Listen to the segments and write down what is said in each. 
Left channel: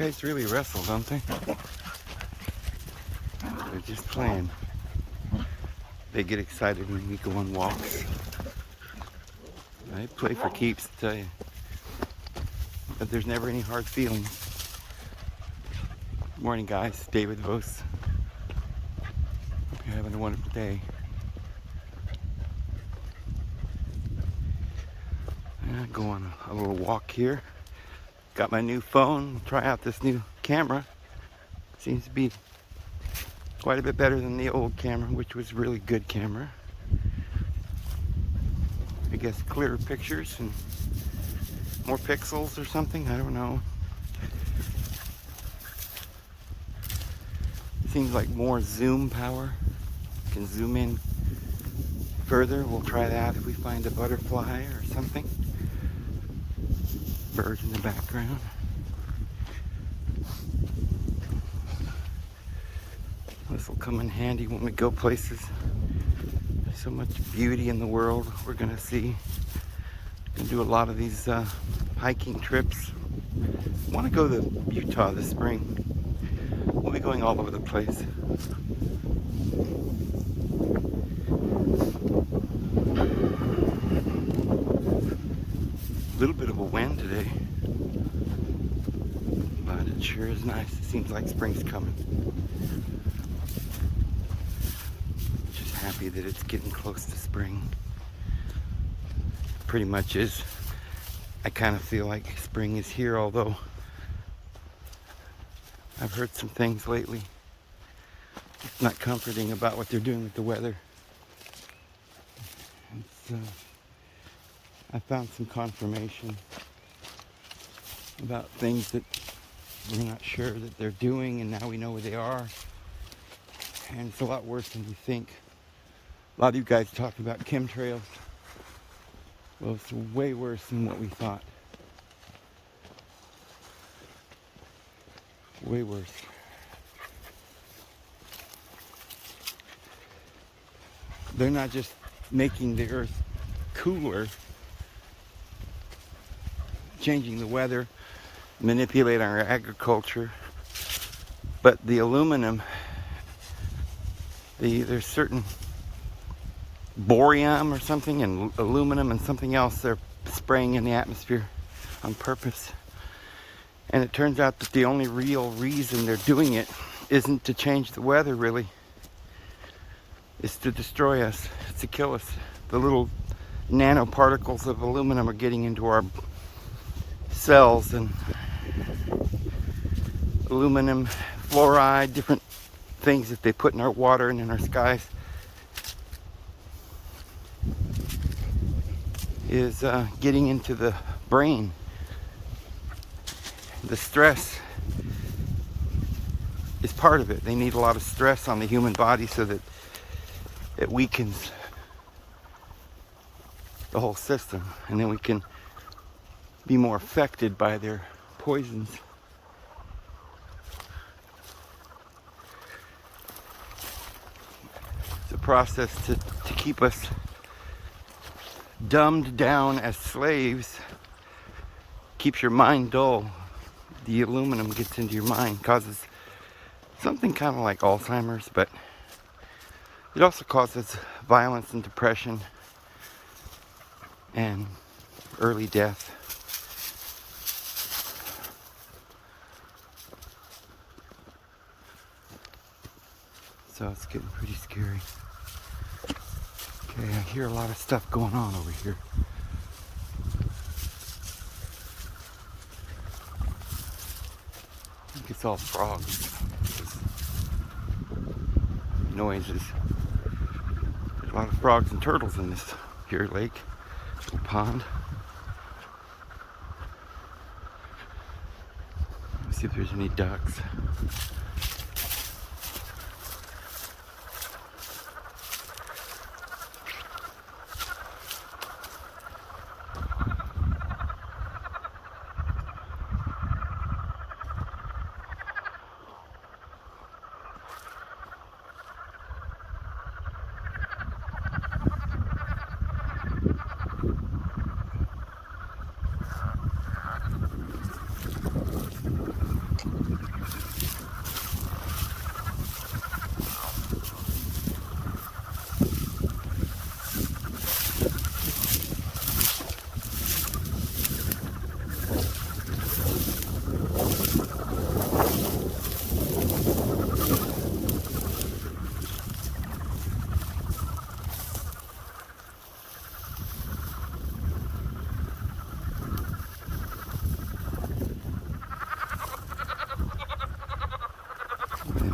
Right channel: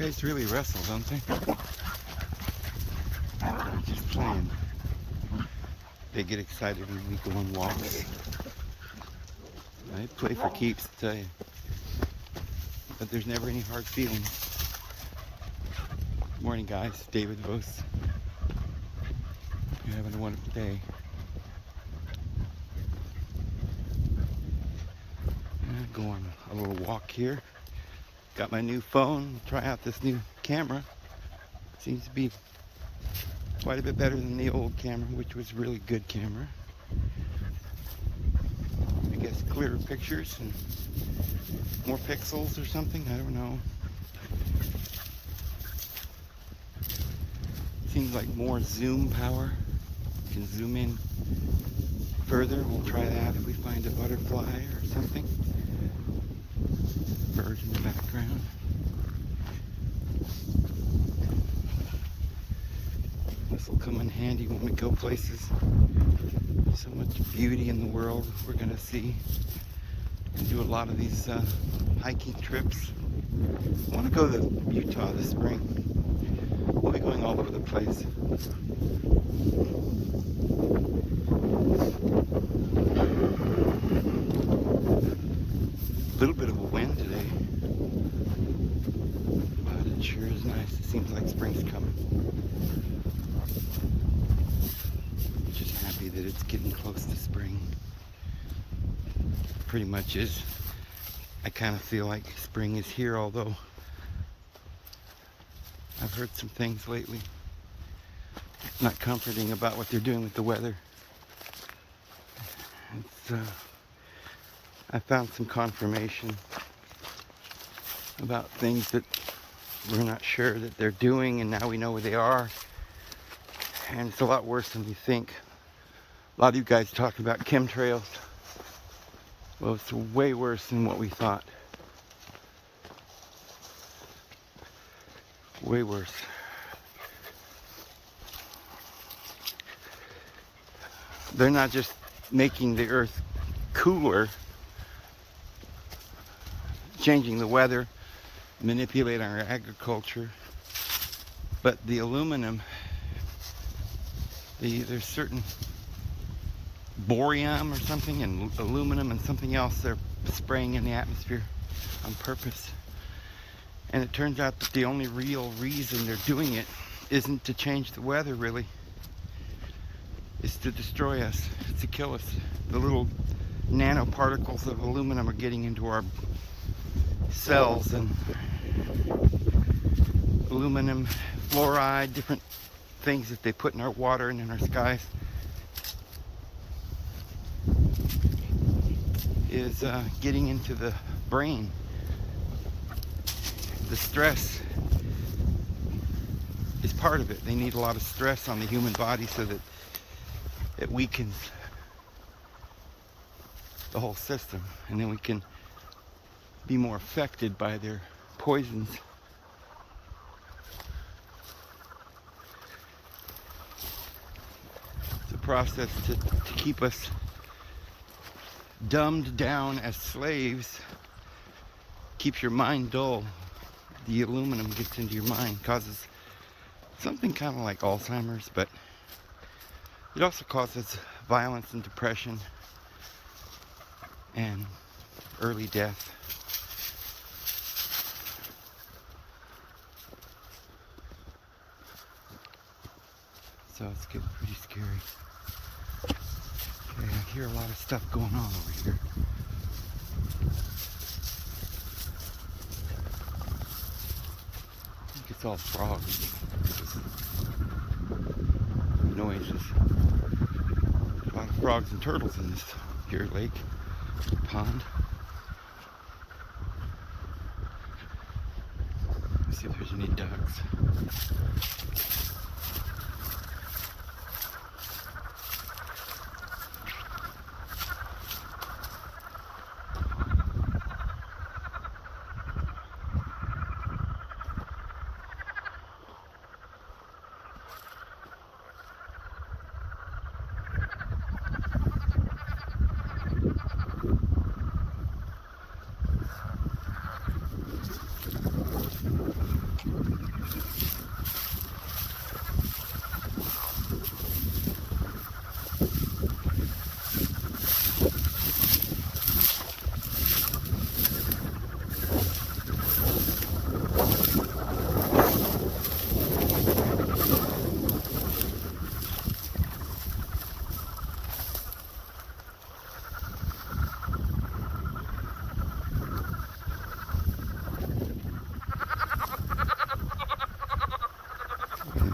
Guys really wrestle, don't they? They're just playing. They get excited when we go on walks. I play for keeps, I tell you. But there's never any hard feelings. Morning, guys. David Vos. Hope you're having a wonderful day. Go on a little walk here. Got my new phone. Try out this new camera. Seems to be quite a bit better than the old camera, which was a really good camera. I guess clearer pictures and more pixels or something. I don't know. Seems like more zoom power. You can zoom in further. We'll try that if we find a butterfly or something. Bird in the background. This will come in handy when we go places. There's so much beauty in the world we're gonna see. And do a lot of these hiking trips. I want to go to Utah this spring. We'll be going all over the place. A little bit of a wind today, but it sure is nice. It seems like spring's coming. Just happy that it's getting close to spring. Pretty much is. I kind of feel like spring is here, although I've heard some things lately not comforting about what they're doing with the weather. I found some confirmation about things that we're not sure that they're doing, and now we know where they are. And it's a lot worse than you think. A lot of you guys talk about chemtrails. Well, it's way worse than what we thought. Way worse. They're not just making the earth cooler, changing the weather, manipulating our agriculture, but the aluminum, there's certain borium or something, and aluminum and something else they're spraying in the atmosphere on purpose. And it turns out that the only real reason they're doing it isn't to change the weather, really. It's to destroy us. It's to kill us. The little nanoparticles of aluminum are getting into our cells, and aluminum, fluoride, different things that they put in our water and in our skies is getting into the brain. The stress is part of it. They need a lot of stress on the human body so that it weakens the whole system, and then we can be more affected by their poisons. It's a process to keep us dumbed down as slaves. Keeps your mind dull. The aluminum gets into your mind, causes something kind of like Alzheimer's, but it also causes violence and depression and early death. So it's getting pretty scary. Okay, I hear a lot of stuff going on over here. I think it's all frogs. This noises. A lot of frogs and turtles in this here lake, little pond. Let's see if there's any ducks.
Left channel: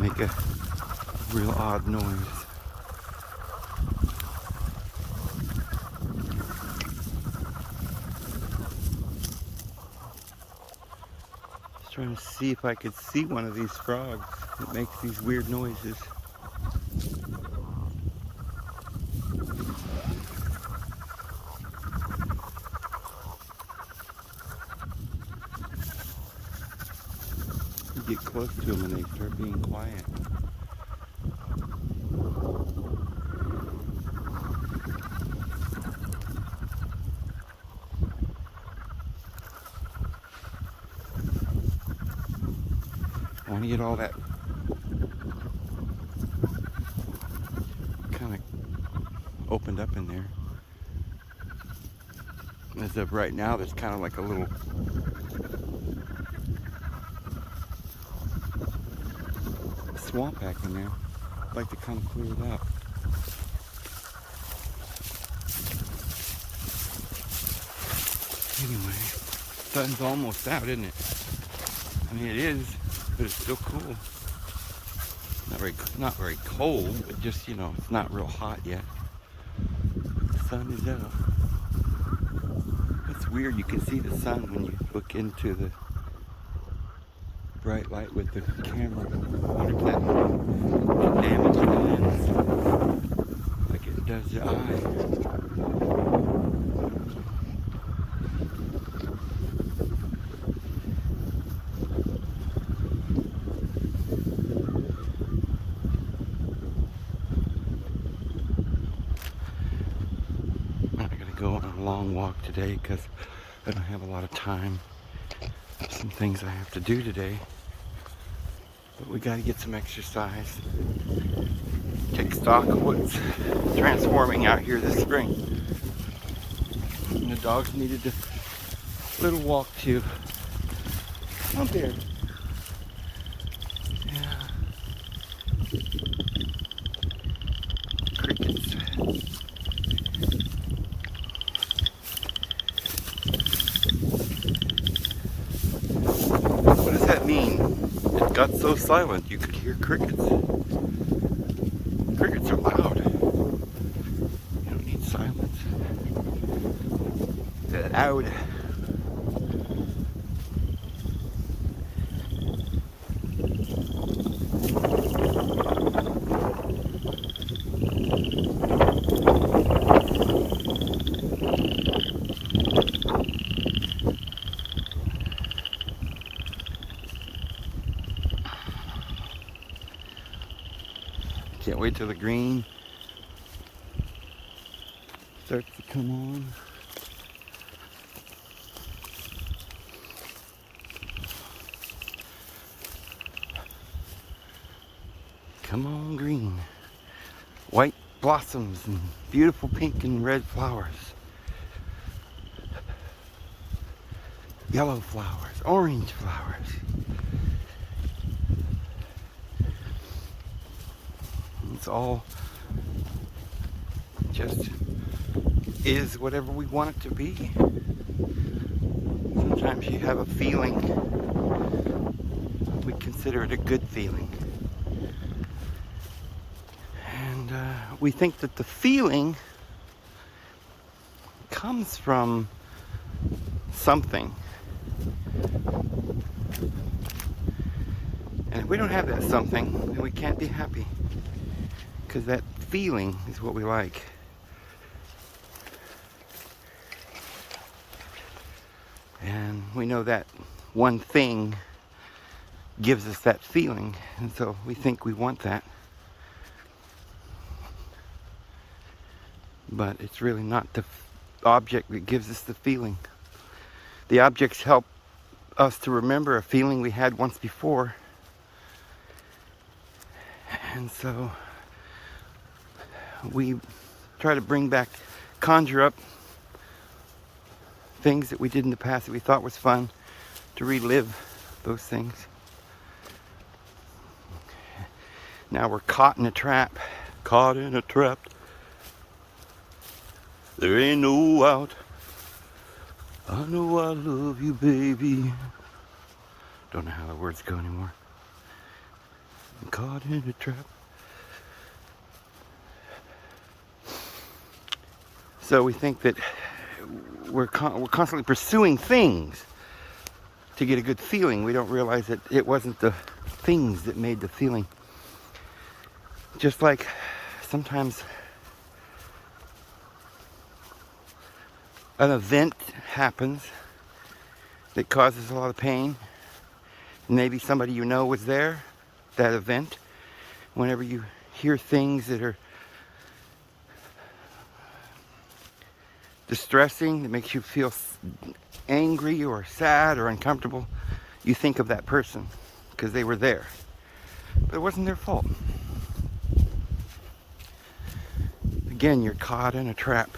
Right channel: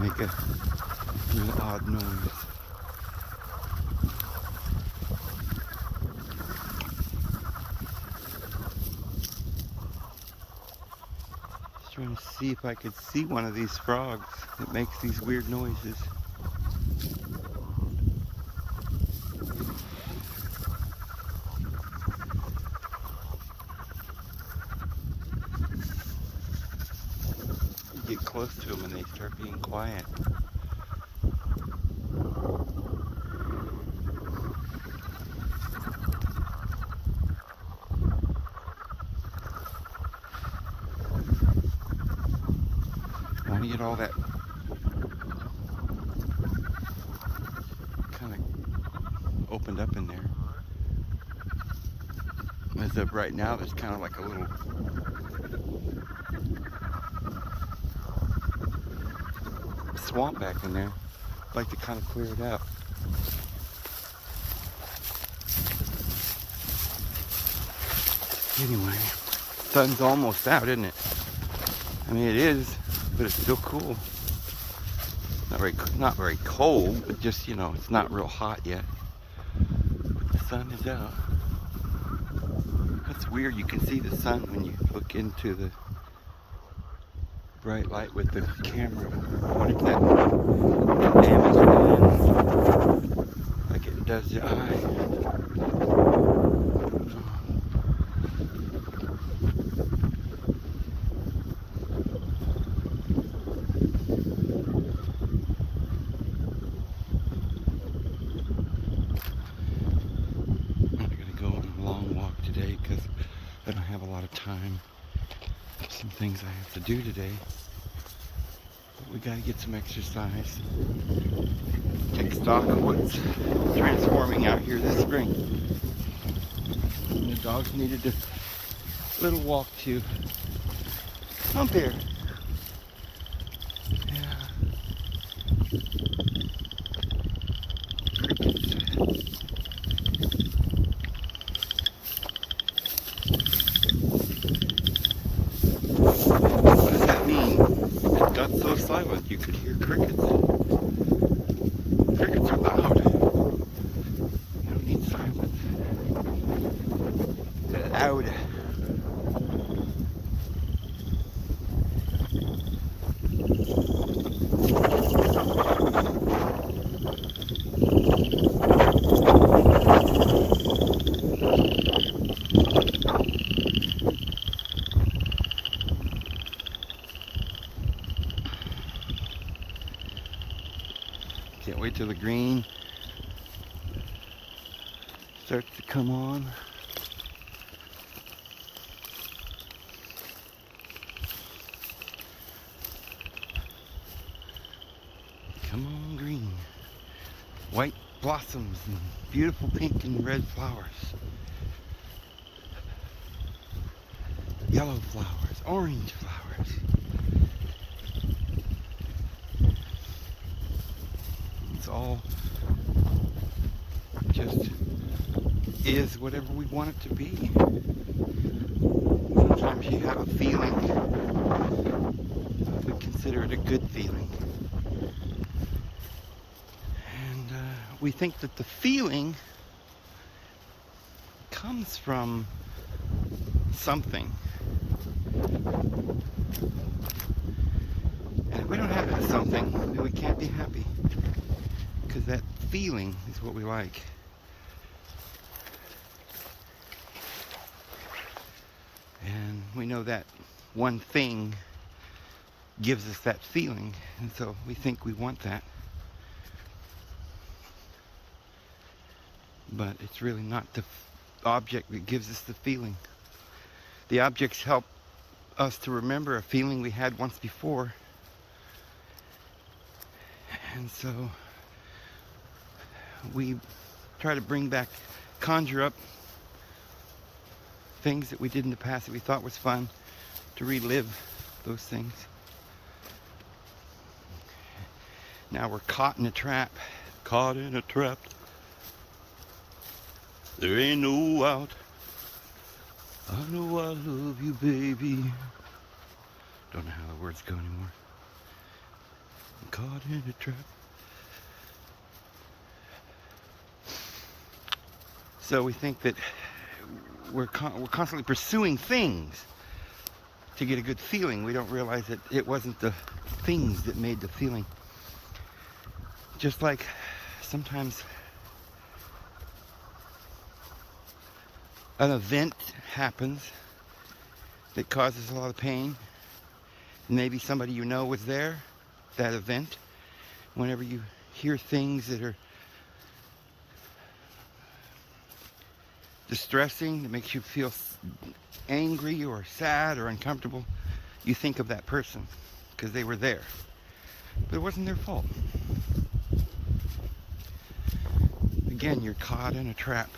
make a real odd noise. Trying to see if I could see one of these frogs that makes these weird noises. You get close to them and they start being quiet. I want to get all that kind of opened up in there. As of right now, there's kind of like a little swamp back in there. I'd like to kind of clear it out. Anyway, sun's almost out, isn't it? I mean, it is. But it's still cool. Not very cold, but just, you know, it's not real hot yet. But the sun is out. That's weird. You can see the sun when you look into the bright light with the camera. I wonder if that can damage the lens like it does the eye. Long walk today because I don't have a lot of time. Some things I have to do today, but we gotta get some exercise. Take stock of what's transforming out here this spring. And the dogs needed a little walk too. Come here. Yeah. Crickets. It got so silent you could hear crickets. Crickets are loud. You don't need silence. They're loud. Can't wait till the green starts to come on. Come on, green. White blossoms and beautiful pink and red flowers. Yellow flowers, orange flowers. It's all just is whatever we want it to be. Sometimes you have a feeling, we consider it a good feeling. And we think that the feeling comes from something. And if we don't have that something, then we can't be happy. Because that feeling is what we like. And we know that one thing gives us that feeling, and so we think we want that. But it's really not the object that gives us the feeling. The objects help us to remember a feeling we had once before. And so we try to bring back, conjure up things that we did in the past that we thought was fun, to relive those things. Now we're caught in a trap. Caught in a trap. There ain't no out. I know I love you, baby. Don't know how the words go anymore. I'm caught in a trap. So we think that we're constantly pursuing things to get a good feeling. We don't realize that it wasn't the things that made the feeling. Just like sometimes an event happens that causes a lot of pain. Maybe somebody you know was there, that event. Whenever you hear things that are distressing, that makes you feel angry or sad or uncomfortable, you think of that person because they were there. But it wasn't their fault. Again, you're caught in a trap.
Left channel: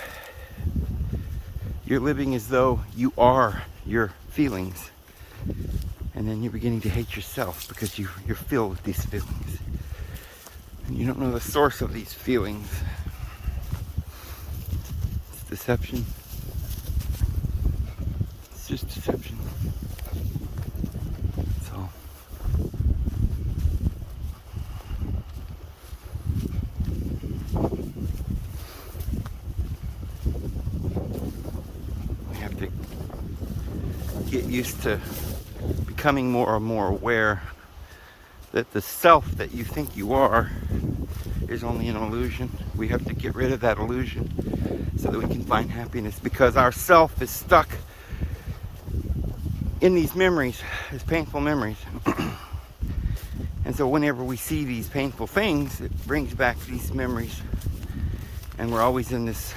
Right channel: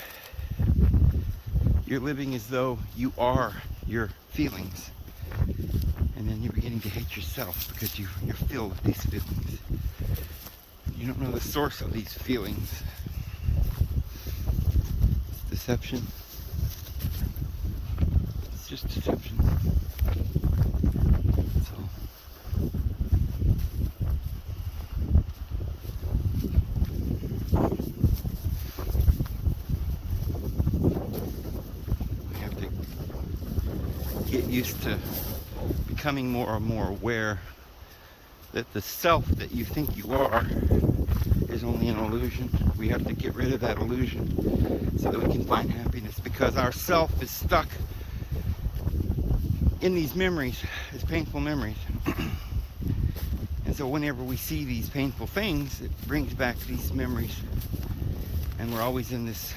You're living as though you are your feelings. And then you're beginning to hate yourself because you're filled with these feelings. And you don't know the source of these feelings. It's deception. It's just deception. That's all. We have to get used to becoming more and more aware that the self that you think you are is only an illusion. We have to get rid of that illusion so that we can find happiness, because our self is stuck in these memories, these painful memories. And so whenever we see these painful things, it brings back these memories, and we're always in this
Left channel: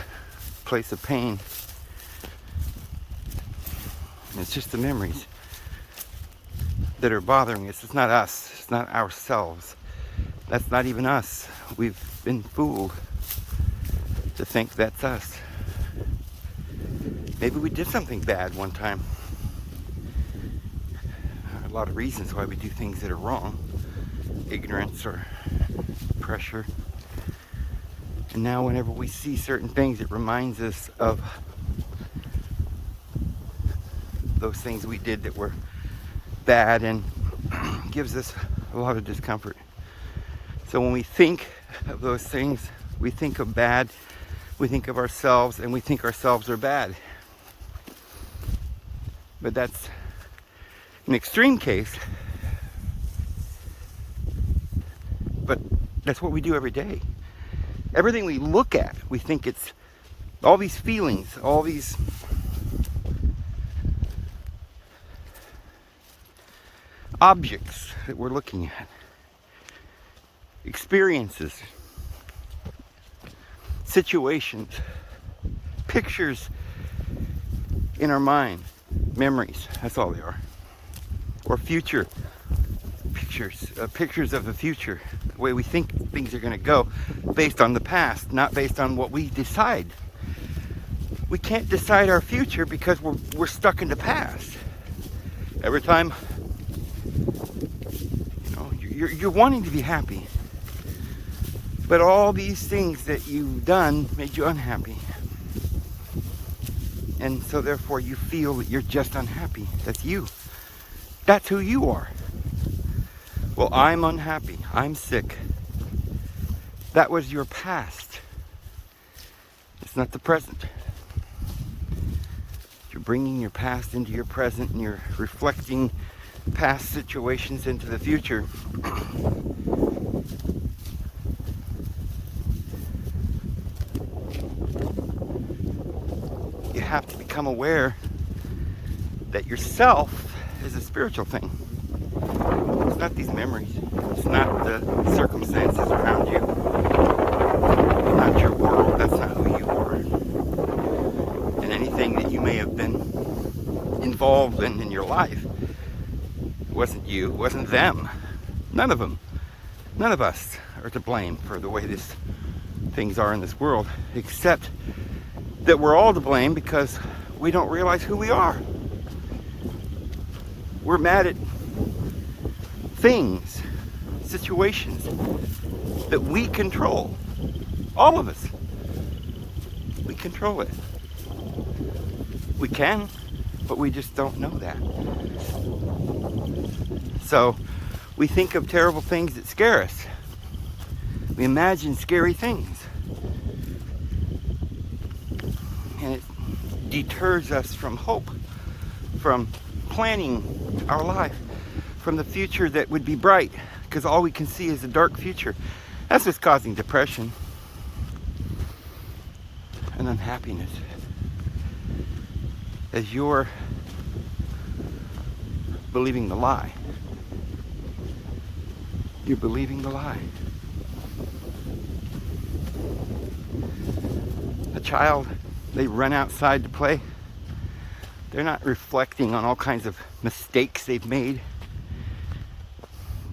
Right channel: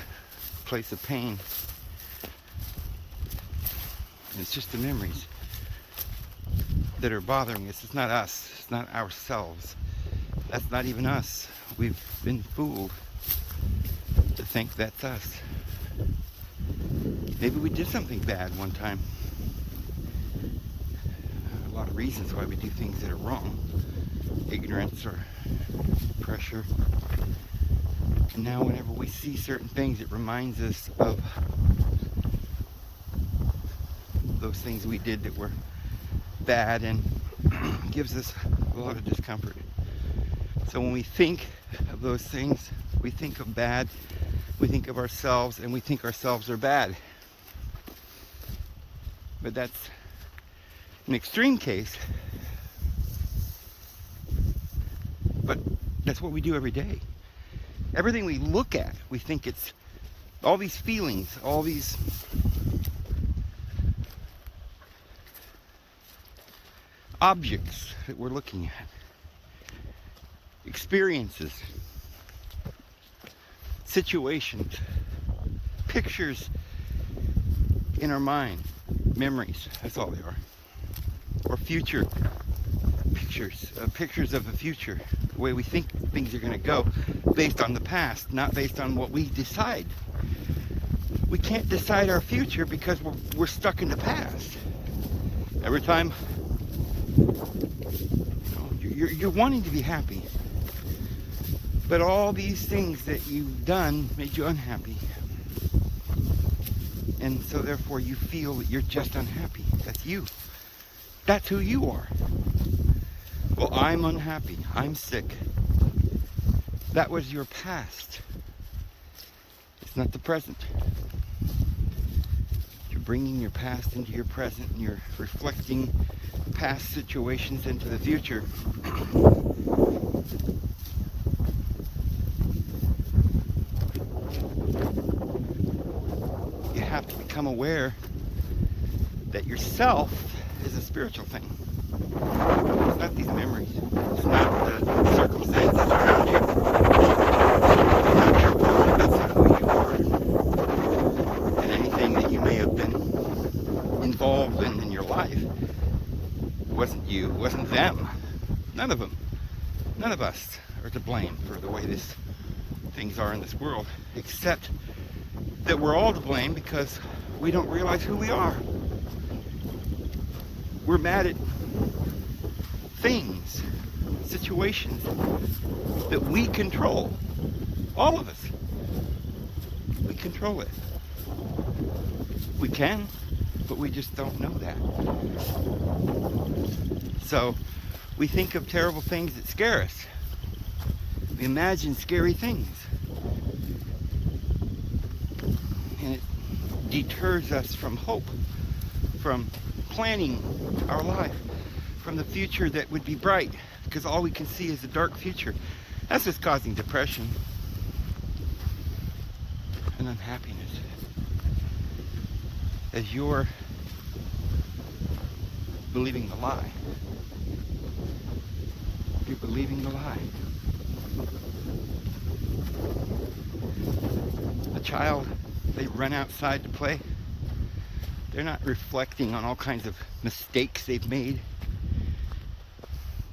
place of pain. And it's just the memories that are bothering us. It's not us. It's not ourselves. That's not even us. We've been fooled to think that's us. Maybe we did something bad one time. A lot of reasons why we do things that are wrong. Ignorance or pressure. And now whenever we see certain things, it reminds us of those things we did that were bad and gives us a lot of discomfort. So when we think of those things, we think of bad, we think of ourselves, and we think ourselves are bad. But that's an extreme case. But that's what we do every day. Everything we look at, we think it's all these feelings, all these objects that we're looking at, experiences, situations, pictures in our mind, memories, that's all they are. Or future pictures, pictures of the future, the way we think things are going to go, based on the past, not based on what we decide. We can't decide our future because we're stuck in the past. Every time you're wanting to be happy, but all these things that you've done make you unhappy, and so therefore you feel that you're just unhappy. That's you. That's who you are. Well, I'm unhappy. I'm sick. That was your past. It's not the present. You're bringing your past into your present, and you're reflecting past situations into the future. You have to become aware that yourself is a spiritual thing. It's not these memories. It's not the circumstances around you. It's not your world. That's not who you are. And anything that you may have been involved in your life wasn't you, wasn't them. None of them. None of us are to blame for the way things are in this world, except that we're all to blame because we don't realize who we are. We're mad at things, situations that we control. All of us. We control it. We can, but we just don't know that. So we think of terrible things that scare us. We imagine scary things. And it deters us from hope, from planning our life, from the future that would be bright, because all we can see is a dark future. That's what's causing depression and unhappiness. As you're believing the lie. You're believing the lie. A child, they run outside to play. They're not reflecting on all kinds of mistakes they've made.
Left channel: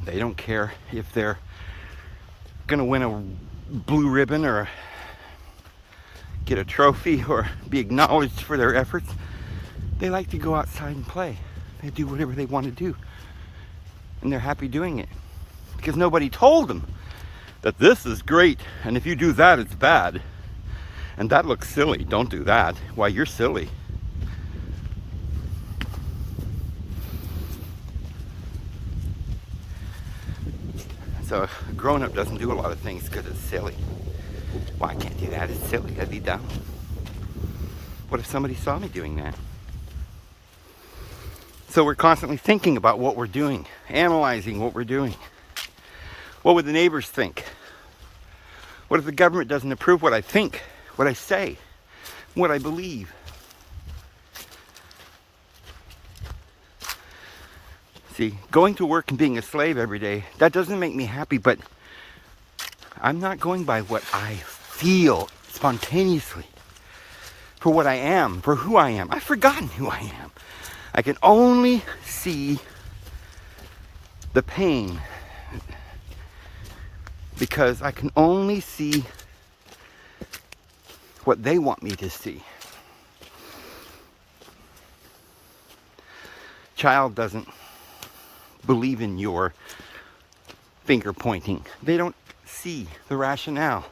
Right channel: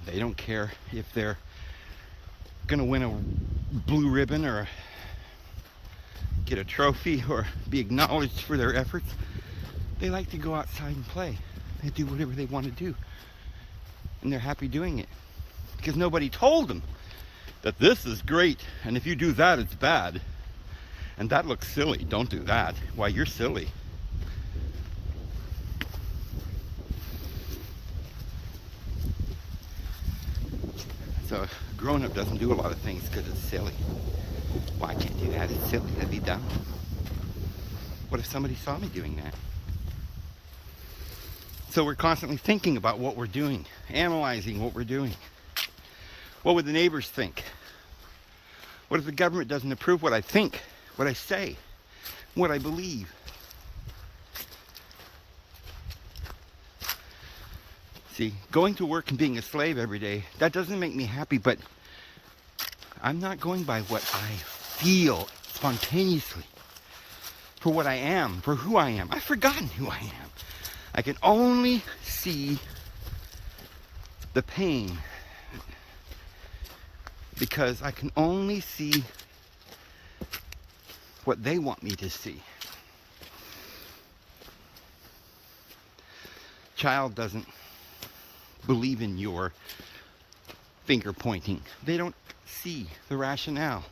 They don't care if they're gonna win a blue ribbon or get a trophy or be acknowledged for their efforts. They like to go outside and play. They do whatever they want to do. And they're happy doing it. Because nobody told them that this is great, and if you do that, it's bad. And that looks silly. Don't do that. Why, you're silly. So a grown-up doesn't do a lot of things because it's silly. Well, I can't do that. It's silly. I'd be dumb. What if somebody saw me doing that? So we're constantly thinking about what we're doing, analyzing what we're doing. What would the neighbors think? What if the government doesn't approve what I think, what I say, what I believe? See, going to work and being a slave every day, that doesn't make me happy, but I'm not going by what I feel spontaneously, for what I am, for who I am. I've forgotten who I am. I can only see the pain because I can only see what they want me to see. Child doesn't believe in your finger pointing. They don't see the rationale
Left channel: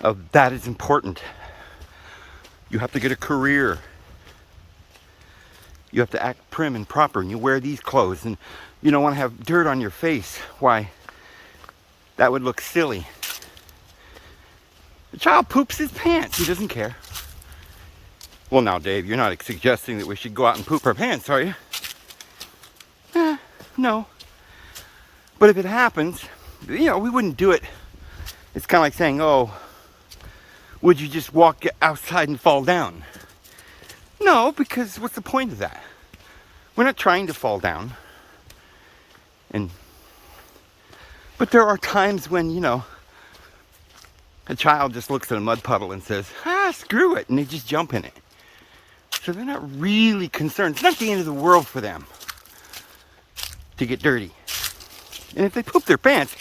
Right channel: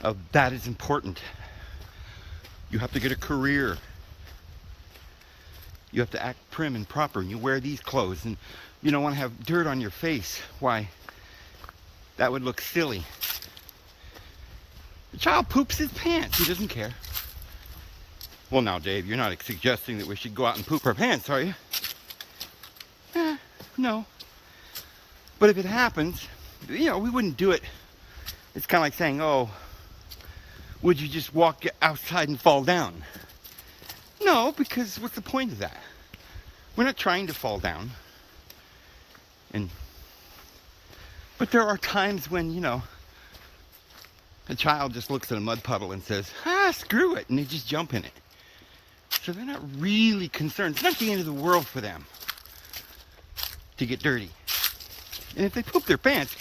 of that is important. You have to get a career. You have to act prim and proper, and you wear these clothes, and you don't want to have dirt on your face. Why? That would look silly. The child poops his pants. He doesn't care. Well, now, Dave, you're not suggesting that we should go out and poop our pants, are you? No. But if it happens, we wouldn't do it. It's kind of like saying, oh, would you just walk outside and fall down? No, because what's the point of that? We're not trying to fall down. But there are times when, a child just looks at a mud puddle and says, screw it, and they just jump in it. So they're not really concerned. It's not the end of the world for them to get dirty. And if they poop their pants,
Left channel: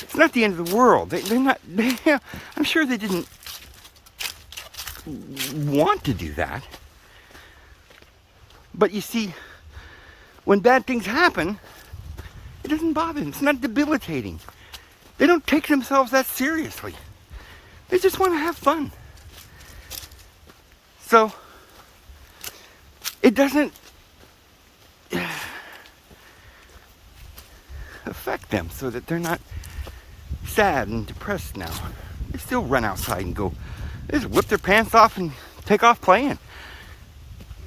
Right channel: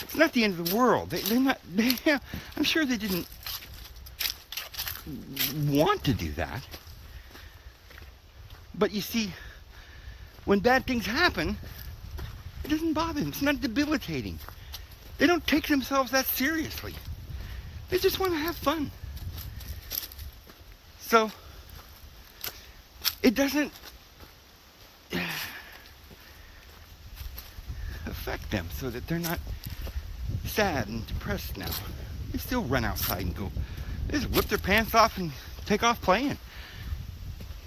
it's not the end of the world. I'm sure they didn't want to do that. But you see, when bad things happen, it doesn't bother them. It's not debilitating. They don't take themselves that seriously. They just want to have fun. So, it doesn't affect them so that they're not sad and depressed now. They still run outside and they just whip their pants off and take off playing.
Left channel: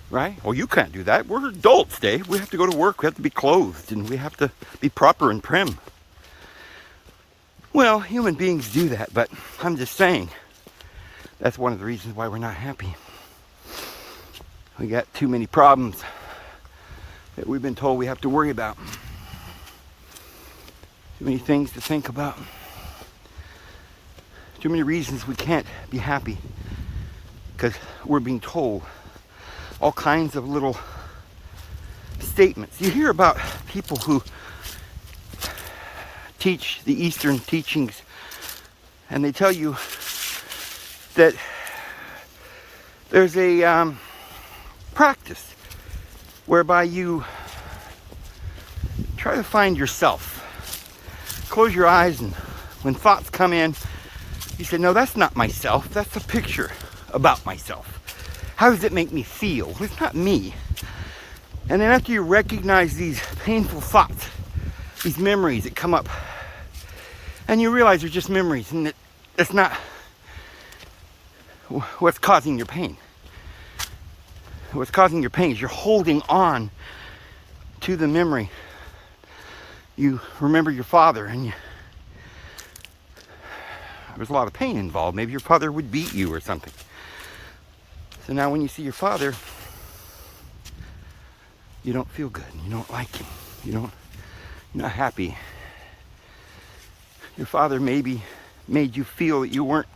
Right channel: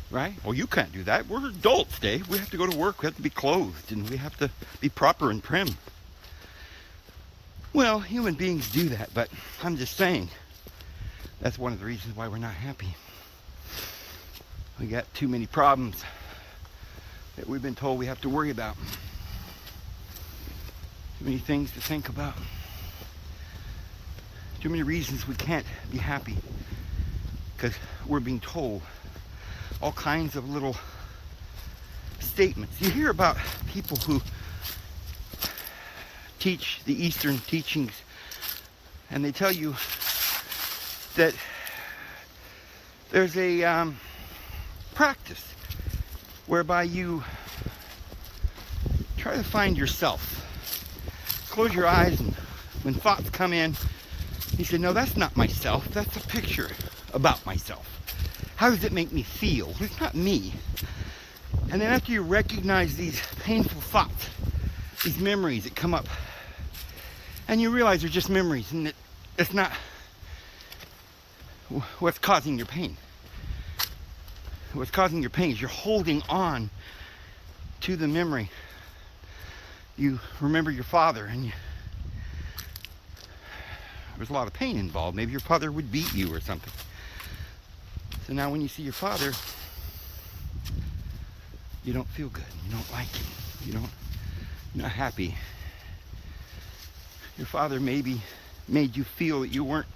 Right? Well, you can't do that. We're adults, Dave. We have to go to work. We have to be clothed, and we have to be proper and prim. Well, human beings do that, but I'm just saying that's one of the reasons why we're not happy. We got too many problems that we've been told we have to worry about. Too many things to think about. Too many reasons we can't be happy because we're being told all kinds of little statements. You hear about people who teach the Eastern teachings, and they tell you that there's a practice whereby you try to find yourself. Close your eyes, and when thoughts come in, you say, no, that's not myself. That's a picture about myself. How does it make me feel? It's not me. And then after you recognize these painful thoughts, these memories that come up. And you realize they're just memories, and it's not what's causing your pain. What's causing your pain is you're holding on to the memory. You remember your father, and there's a lot of pain involved. Maybe your father would beat you or something. So now when you see your father, you don't feel good. You don't like him. You're not happy. Your father maybe made you feel that you weren't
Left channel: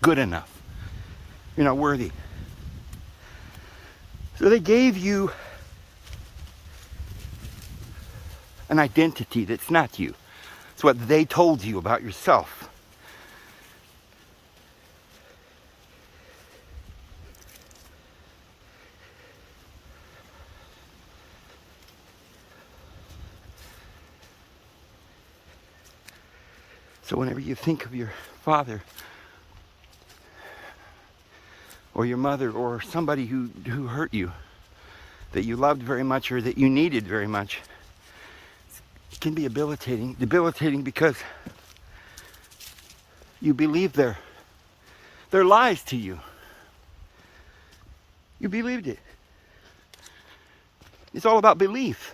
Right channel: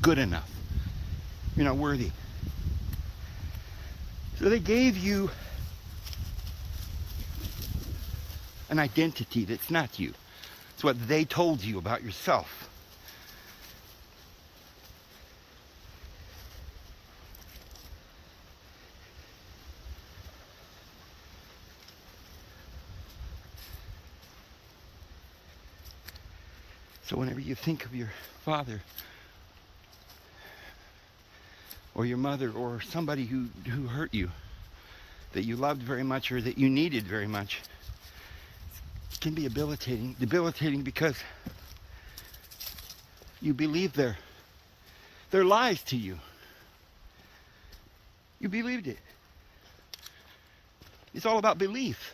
good enough. You're not worthy. So they gave you an identity that's not you. It's what they told you about yourself. So whenever you think of your father or your mother or somebody who hurt you, that you loved very much or that you needed very much, it can be debilitating because you believe their lies to you. You believed it. It's all about belief.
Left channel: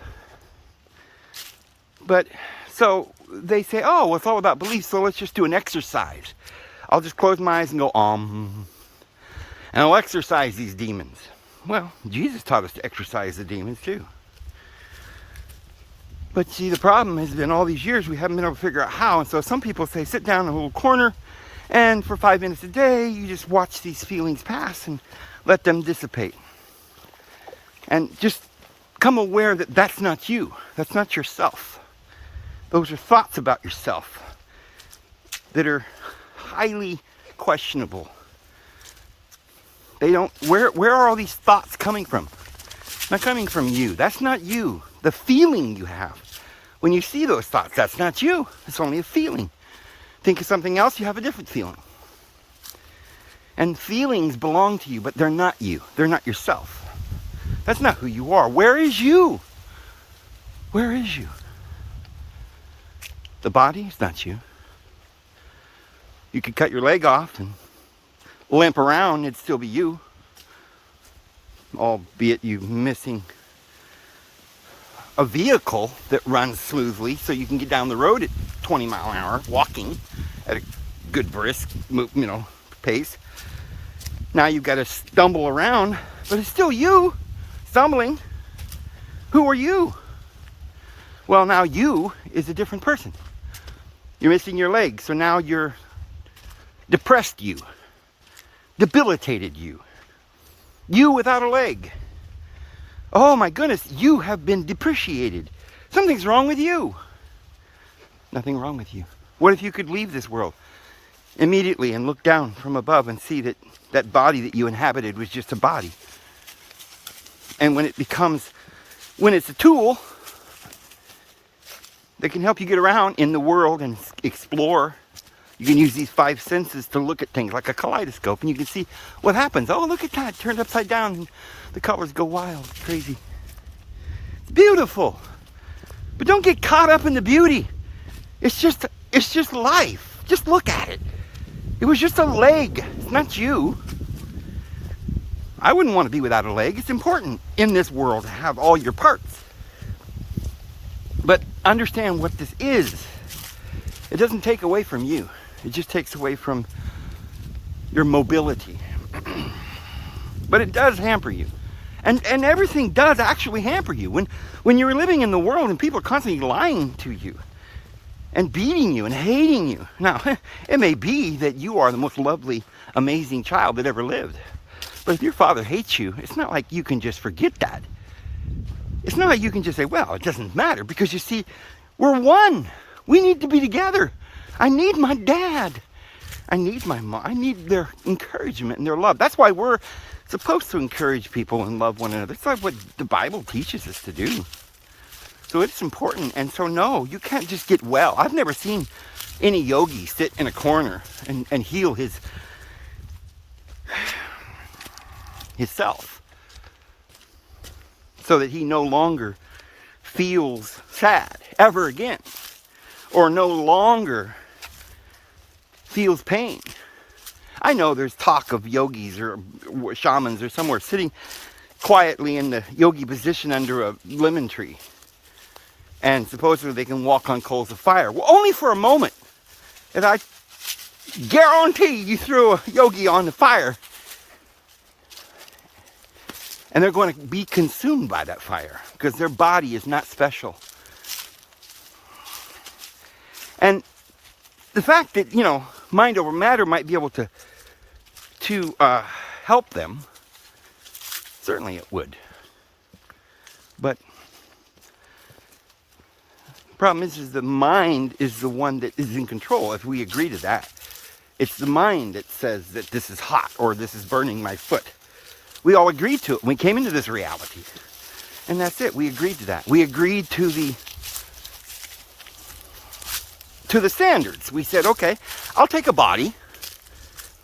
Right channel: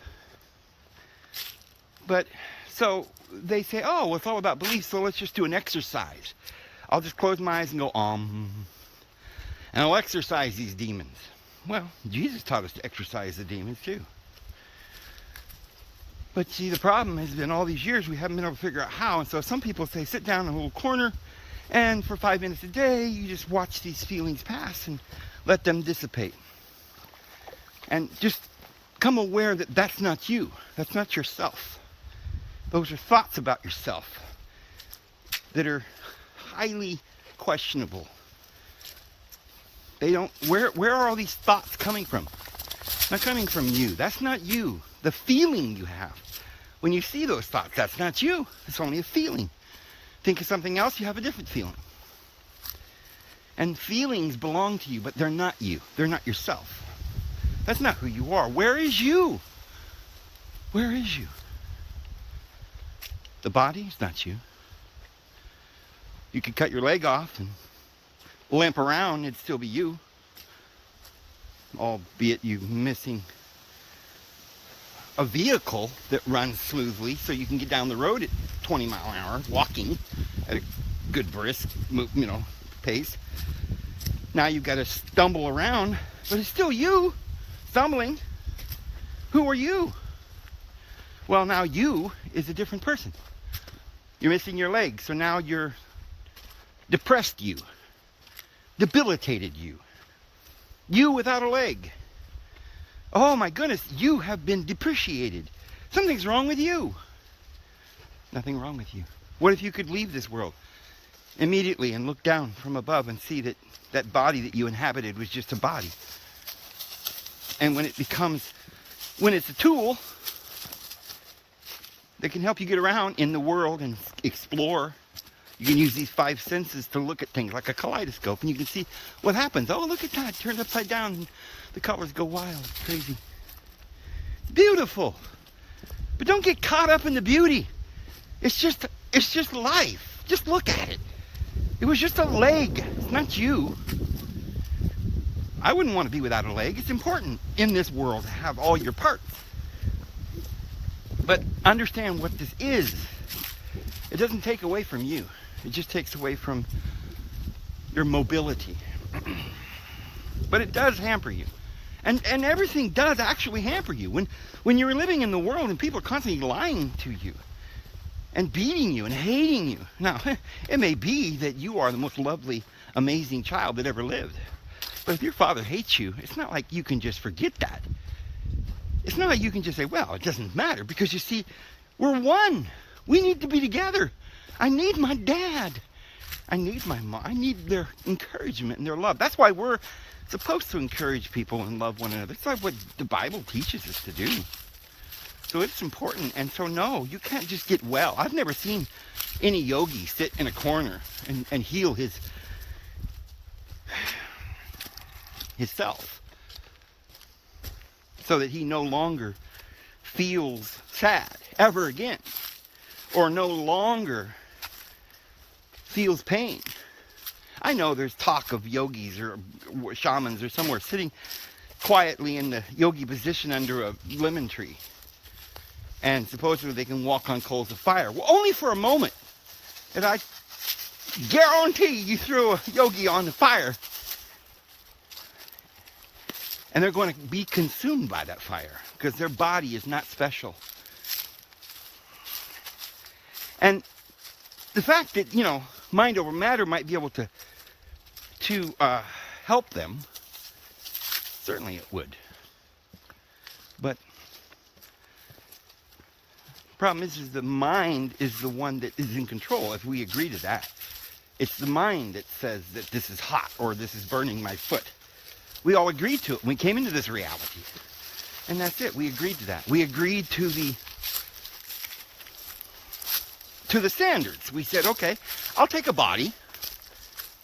But so they say, oh, well, it's all about belief, so let's just do an exercise. I'll just close my eyes and go, and I'll exercise these demons. Well, Jesus taught us to exercise the demons too. But see, the problem has been all these years we haven't been able to figure out how. And so some people say, sit down in a little corner, and for 5 minutes a day, you just watch these feelings pass and let them dissipate. And just become aware that that's not you. That's not yourself. Those are thoughts about yourself that are highly questionable. They don't, where are all these thoughts coming from? Not coming from you. That's not you. The feeling you have. When you see those thoughts, that's not you. It's only a feeling. Think of something else, you have a different feeling. And feelings belong to you, but they're not you. They're not yourself. That's not who you are. Where is you? Where is you? The body is not you. You could cut your leg off and limp around, it'd still be you. Albeit you missing a vehicle that runs smoothly so you can get down the road at 20 mile an hour, walking at a good brisk, pace. Now you've got to stumble around, but it's still you stumbling. Who are you? Well, now you is a different person. You're missing your leg, so now you're depressed you, debilitated you. You without a leg. Oh my goodness, you have been depreciated. Something's wrong with you. Nothing wrong with you. What if you could leave this world immediately and look down from above and see that that body that you inhabited was just a body? And when it's a tool that can help you get around in the world and explore, you can use these 5 senses to look at things like a kaleidoscope, and you can see what happens. Oh, look at that, it turned upside down, and the colors go wild, crazy. Beautiful. But don't get caught up in the beauty. It's just life. Just look at it. It was just a leg. It's not you. I wouldn't want to be without a leg. It's important in this world to have all your parts. But understand what this is. It doesn't take away from you. It just takes away from your mobility. But it does hamper you. And everything does actually hamper you. When you're living in the world and people are constantly lying to you and beating you and hating you. Now, it may be that you are the most lovely, amazing child that ever lived. But if your father hates you, it's not like you can just forget that. It's not like you can just say, well, it doesn't matter, because you see, we're one. We need to be together. I need my dad. I need my mom. I need their encouragement and their love. That's why we're supposed to encourage people and love one another. It's like what the Bible teaches us to do. So it's important. And so, no, you can't just get well. I've never seen any yogi sit in a corner and heal himself, so that he no longer feels sad ever again, or no longer feels pain. I know there's talk of yogis or shamans or somewhere sitting quietly in the yogi position under a lemon tree, and supposedly they can walk on coals of fire. Well, only for a moment. And I guarantee you throw a yogi on the fire, and they're going to be consumed by that fire, because their body is not special. And the fact that, you know, mind over matter might be able to help them, certainly it would. But the problem is the mind is the one that is in control, if we agree to that. It's the mind that says that this is hot or this is burning my foot. We all agreed to it when we came into this reality. And that's it. We agreed to that. We agreed to the standards. We said, okay, I'll take a body.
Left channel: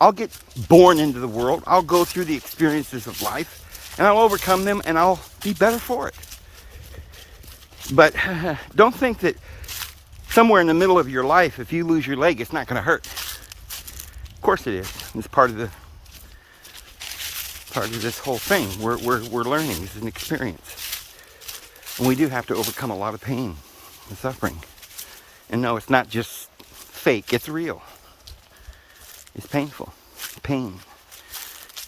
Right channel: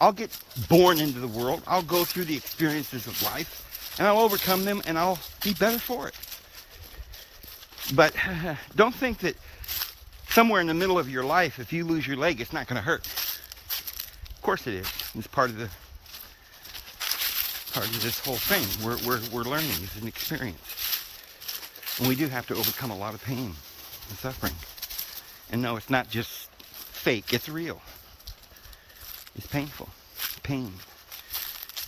I'll get born into the world. I'll go through the experiences of life, and I'll overcome them, and I'll be better for it. But don't think that somewhere in the middle of your life, if you lose your leg, it's not going to hurt. Of course it is. It's part of this whole thing. We're learning. It's an experience. And we do have to overcome a lot of pain and suffering. And no, it's not just fake. It's real. It's painful. Pain.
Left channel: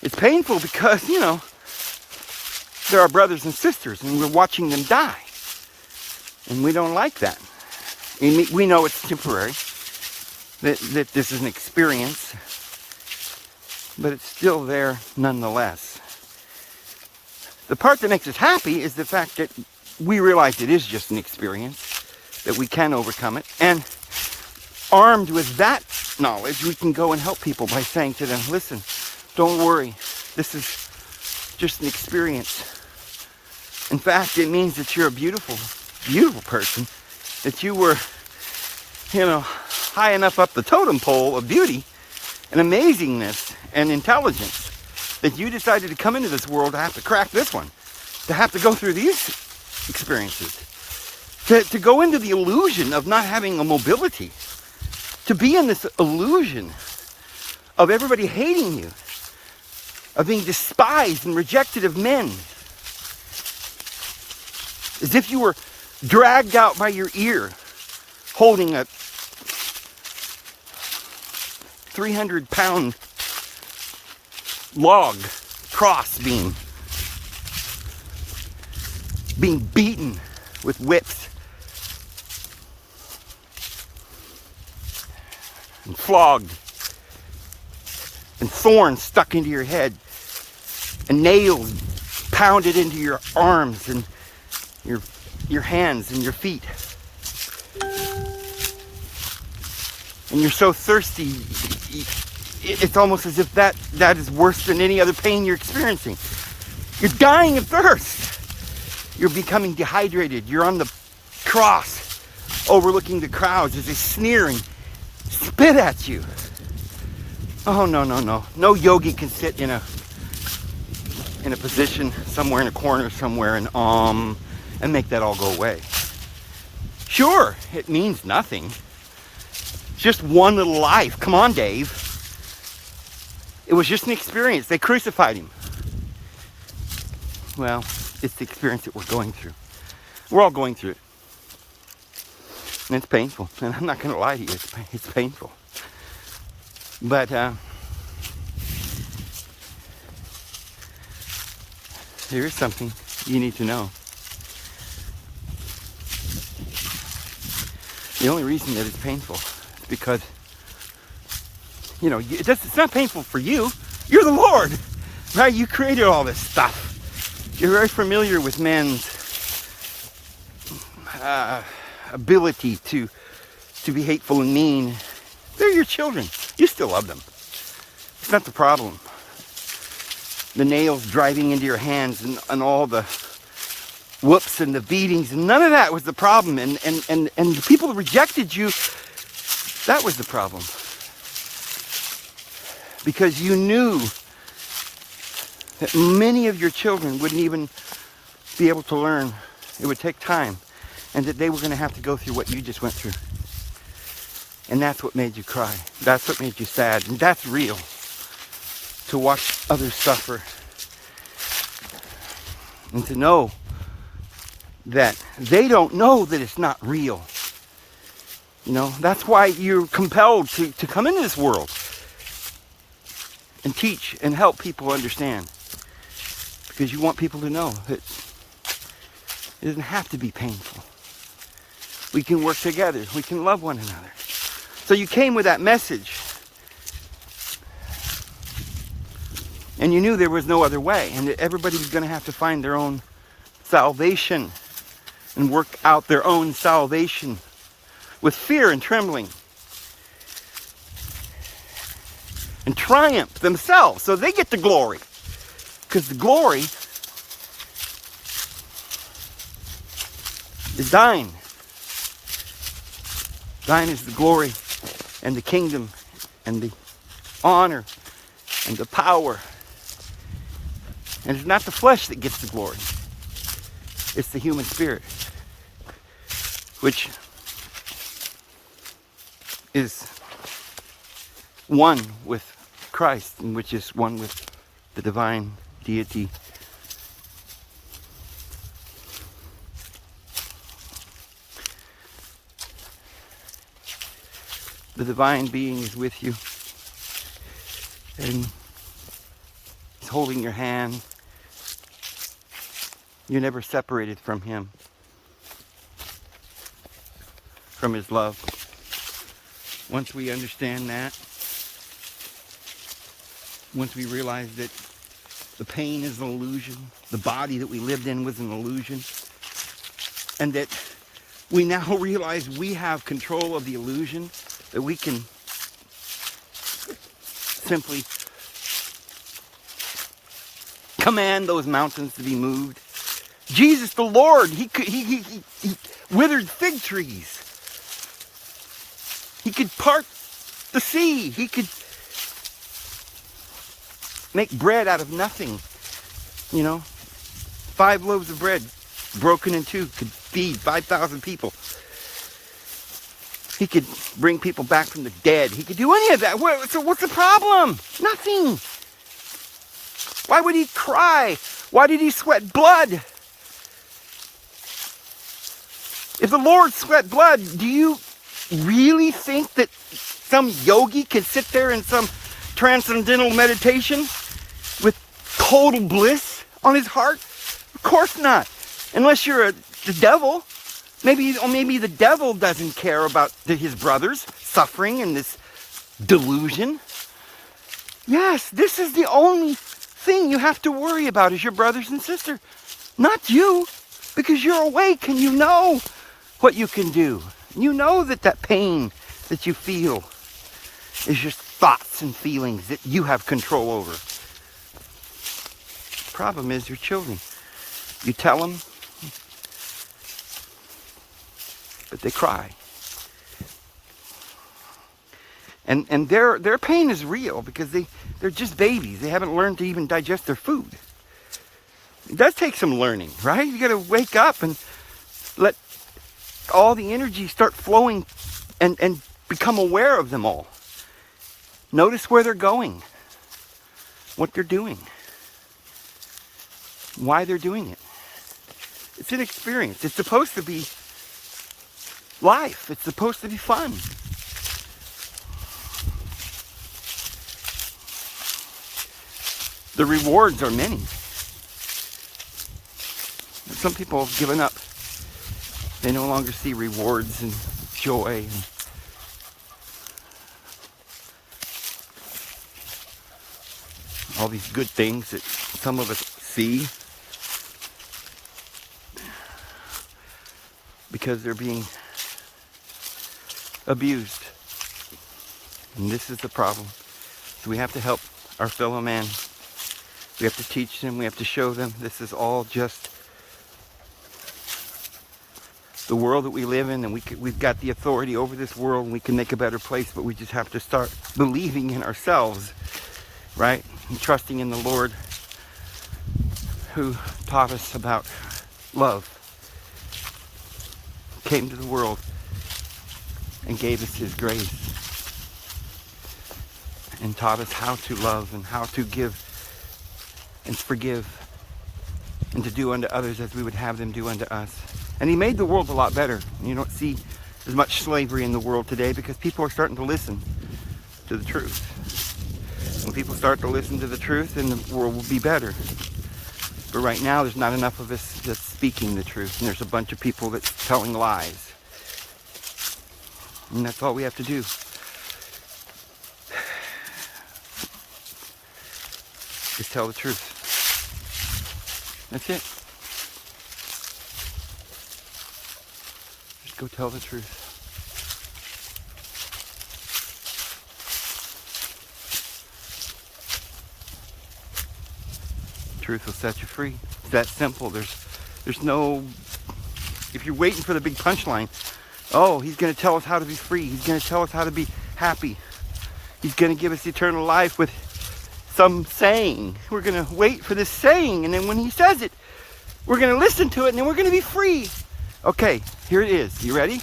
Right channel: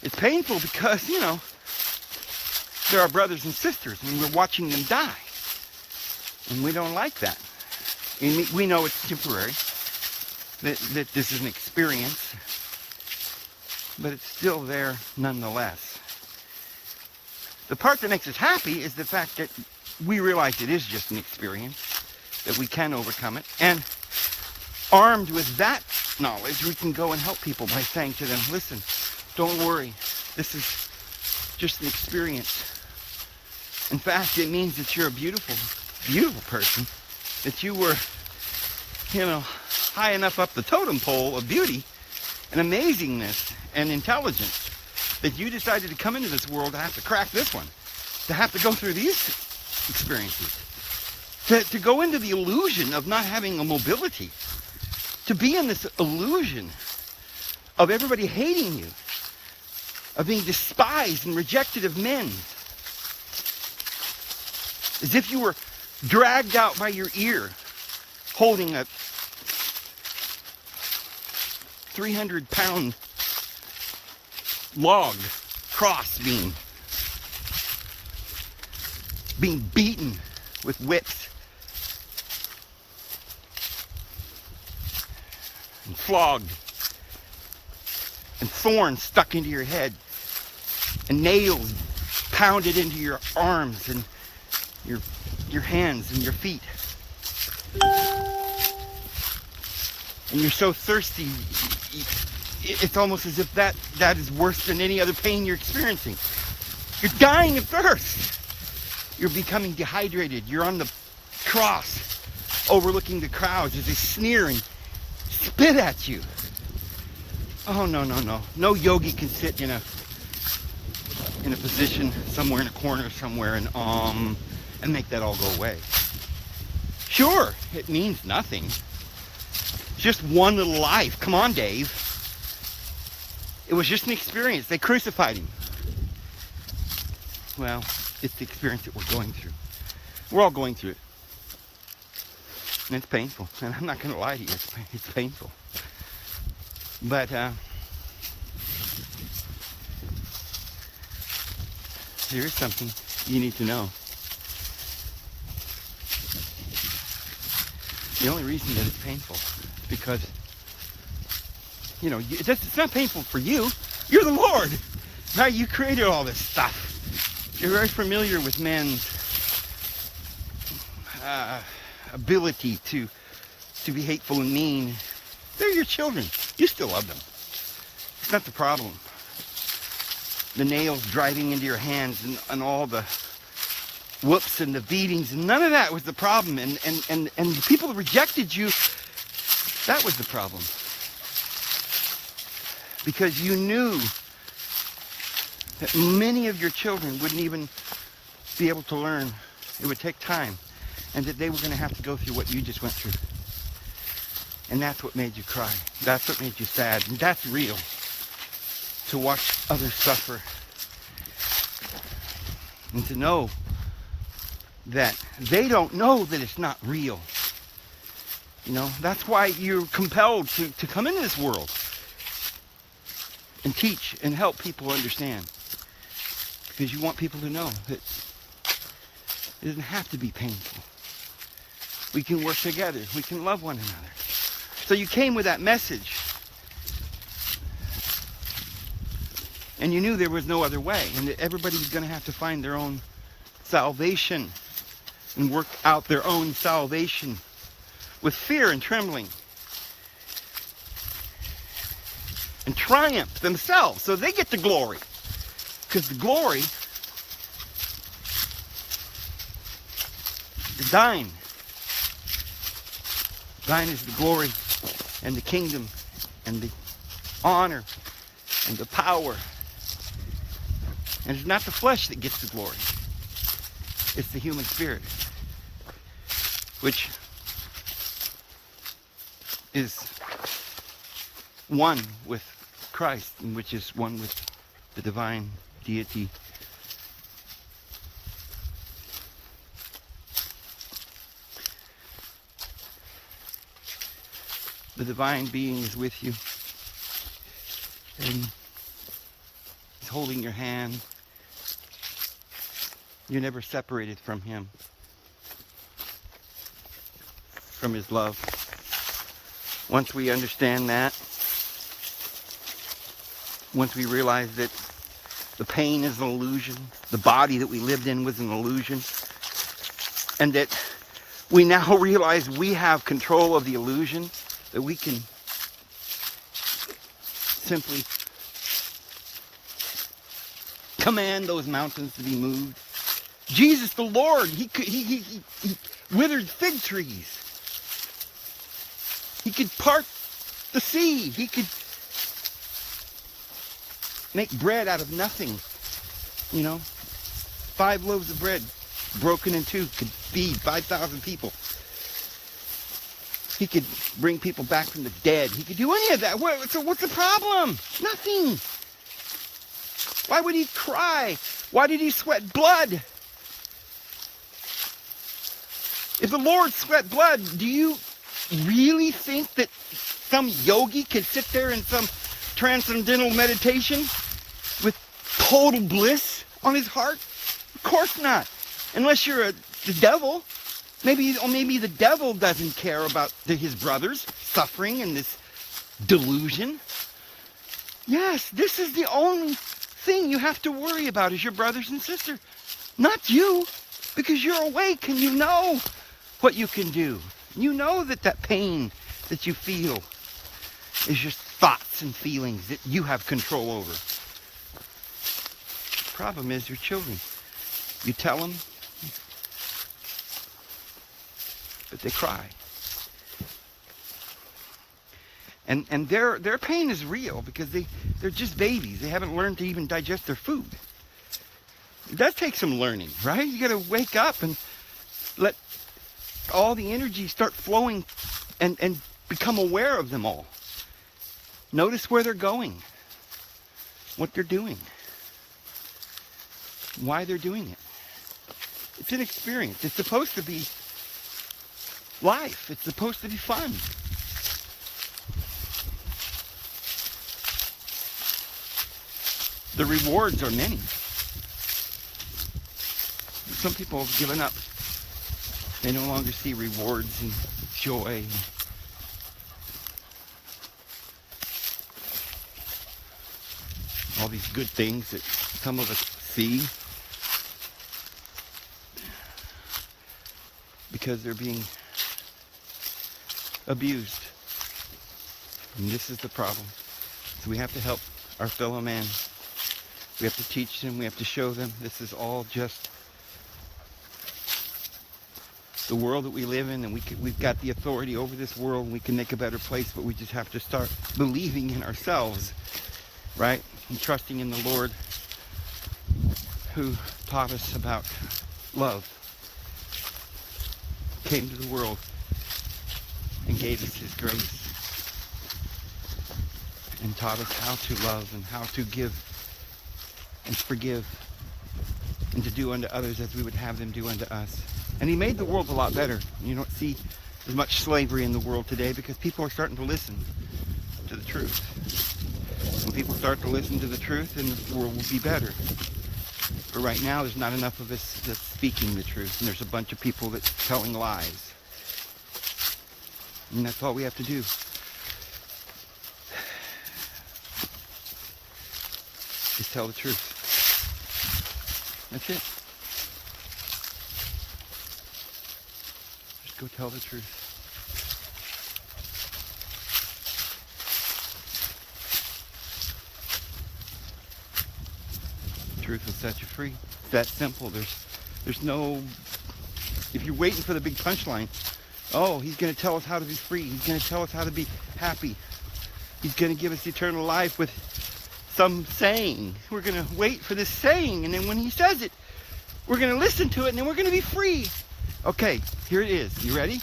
It's painful because, you know, there are brothers and sisters, and we're watching them die. And we don't like that. And we know it's temporary. That this is an experience. But it's still there nonetheless. The part that makes us happy is the fact that we realize it is just an experience, that we can overcome it. And armed with that knowledge, we can go and help people by saying to them, listen, don't worry. This is just an experience. In fact, it means that you're a beautiful, beautiful person. That you were, you know, high enough up the totem pole of beauty and amazingness and intelligence that you decided to come into this world to have to crack this one, to have to go through these experiences, to go into the illusion of not having a mobility, to be in this illusion of everybody hating you, of being despised and rejected of men, as if you were dragged out by your ear, holding a 300-pound log cross being beaten with whips and flogged, and thorns stuck into your head, and nails pounded into your arms and your hands and your feet. And you're so thirsty, it's almost as if that is worse than any other pain you're experiencing. You're dying of thirst. You're becoming dehydrated. You're on the cross, overlooking the crowds as they sneer and spit at you. Oh, no, no, no. No yogi can sit in a position somewhere in a corner somewhere and make that all go away. Sure, it means nothing. It's just one little life. Come on, Dave. It was just an experience. They crucified him. Well, it's the experience that we're going through. We're all going through it. And it's painful. And I'm not going to lie to you. It's painful. But here's something you need to know. The only reason that it's painful is because, you know, it's not painful for you. You're the Lord. Right? You created all this stuff. You're very familiar with man's ability to be hateful and mean. They're your children. You still love them. It's not the problem. The nails driving into your hands and all the whoops and the beatings, and none of that was the problem. And the people who rejected you, that was the problem. Because you knew that many of your children wouldn't even be able to learn. It would take time. and that they were going to have to go through what you just went through. And that's what made you cry. That's what made you sad. And that's real. To watch others suffer. And to know that they don't know that it's not real. You know, that's why you're compelled to come into this world and teach and help people understand. Because you want people to know that it doesn't have to be painful. We can work together. We can love one another. So you came with that message. And you knew there was no other way. And that everybody was going to have to find their own salvation. And work out their own salvation. With fear and trembling. And triumph themselves. So they get the glory. Because the glory is thine. Thine is the glory and the kingdom and the honor and the power. And it's not the flesh that gets the glory. It's the human spirit. Which is one with Christ, and which is one with the divine deity. The divine being is with you and is holding your hand. You're never separated from him, from his love. Once we understand that, once we realize that the pain is an illusion, the body that we lived in was an illusion, and that we now realize we have control of the illusion, that we can simply command those mountains to be moved. Jesus the Lord, he withered fig trees. He could part the sea. He could make bread out of nothing. You know, 5 loaves of bread broken in 2 could feed 5,000 people. He could bring people back from the dead. He could do any of that. So what's the problem? Nothing. Why would he cry? Why did he sweat blood? If the Lord sweat blood, do you really think that some yogi can sit there in some transcendental meditation with total bliss on his heart? Of course not. Unless you're the devil. Maybe the devil doesn't care about his brothers suffering in this delusion. Yes, this is the only thing you have to worry about is your brothers and sisters. Not you. Because you're awake and you know what you can do. You know that pain that you feel is just thoughts and feelings that you have control over. The problem is your children. You tell them, but they cry. And their pain is real because they're just babies. They haven't learned to even digest their food. It does take some learning, right? You got to wake up and let all the energy start flowing and become aware of them all. Notice where they're going, what they're doing, why they're doing it. It's an experience. It's supposed to be life. It's supposed to be fun. The rewards are many. Some people have given up. They no longer see rewards and joy. All these good things that some of us see. Because they're being abused. And this is the problem. So we have to help our fellow man. We have to teach them. We have to show them. This is all just the world that we live in, and we've got the authority over this world, and we can make a better place, but we just have to start believing in ourselves, right? And trusting in the Lord who taught us about love. came to the world and gave us his grace and taught us how to love and how to give and forgive and to do unto others as we would have them do unto us. And he made the world a lot better. You don't see as much slavery in the world today because people are starting to listen to the truth. When people start to listen to the truth, then the world will be better. But right now, there's not enough of us that's speaking the truth, and there's a bunch of people that's telling lies. And that's all we have to do. Just tell the truth. That's it. Just go tell the truth. Truth will set you free. It's that simple. There's no, if you're waiting for the big punchline, oh, he's going to tell us how to be free. He's going to tell us how to be happy. He's going to give us eternal life with some saying. We're going to wait for this saying, and then when he says it, we're going to listen to it, and then we're going to be free. Okay, here it is. You ready?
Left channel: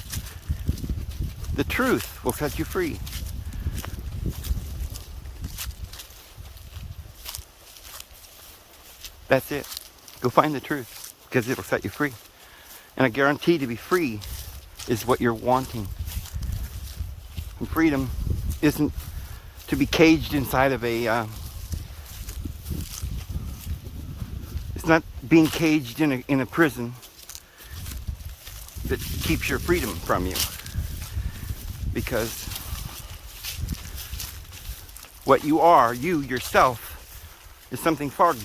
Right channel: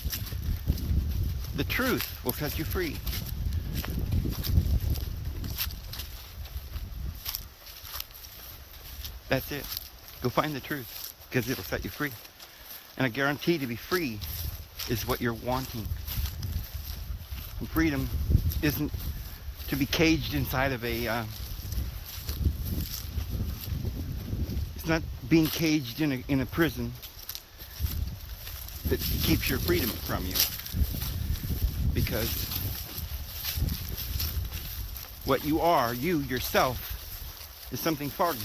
The truth will set you free. That's it. Go find the truth, because it'll set you free. And I guarantee to be free is what you're wanting. And freedom isn't to be caged inside of a... it's not being caged in a prison that keeps your freedom from you. Because what you are, you yourself, is something far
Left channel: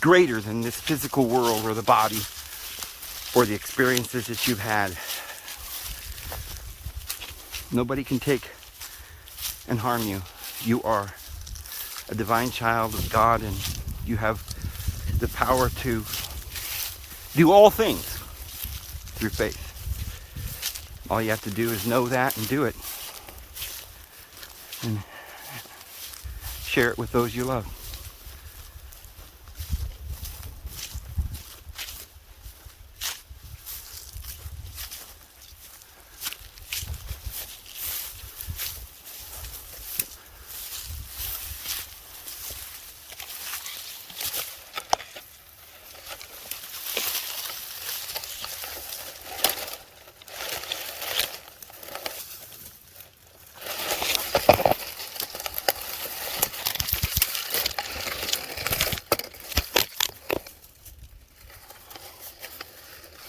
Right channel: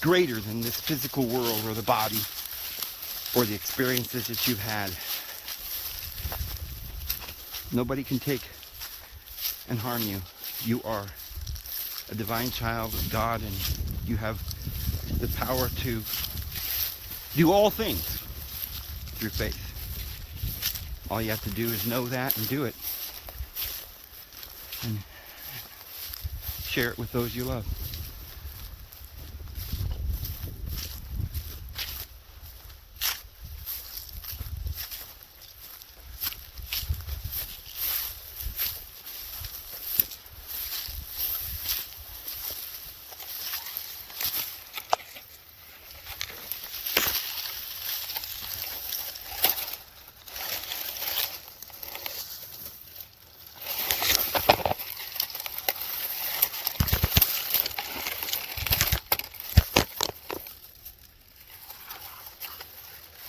greater than this physical world or the body or the experiences that you've had. Nobody can take and harm you. You are a divine child of God, and you have the power to do all things through faith. All you have to do is know that and do it. And share it with those you love.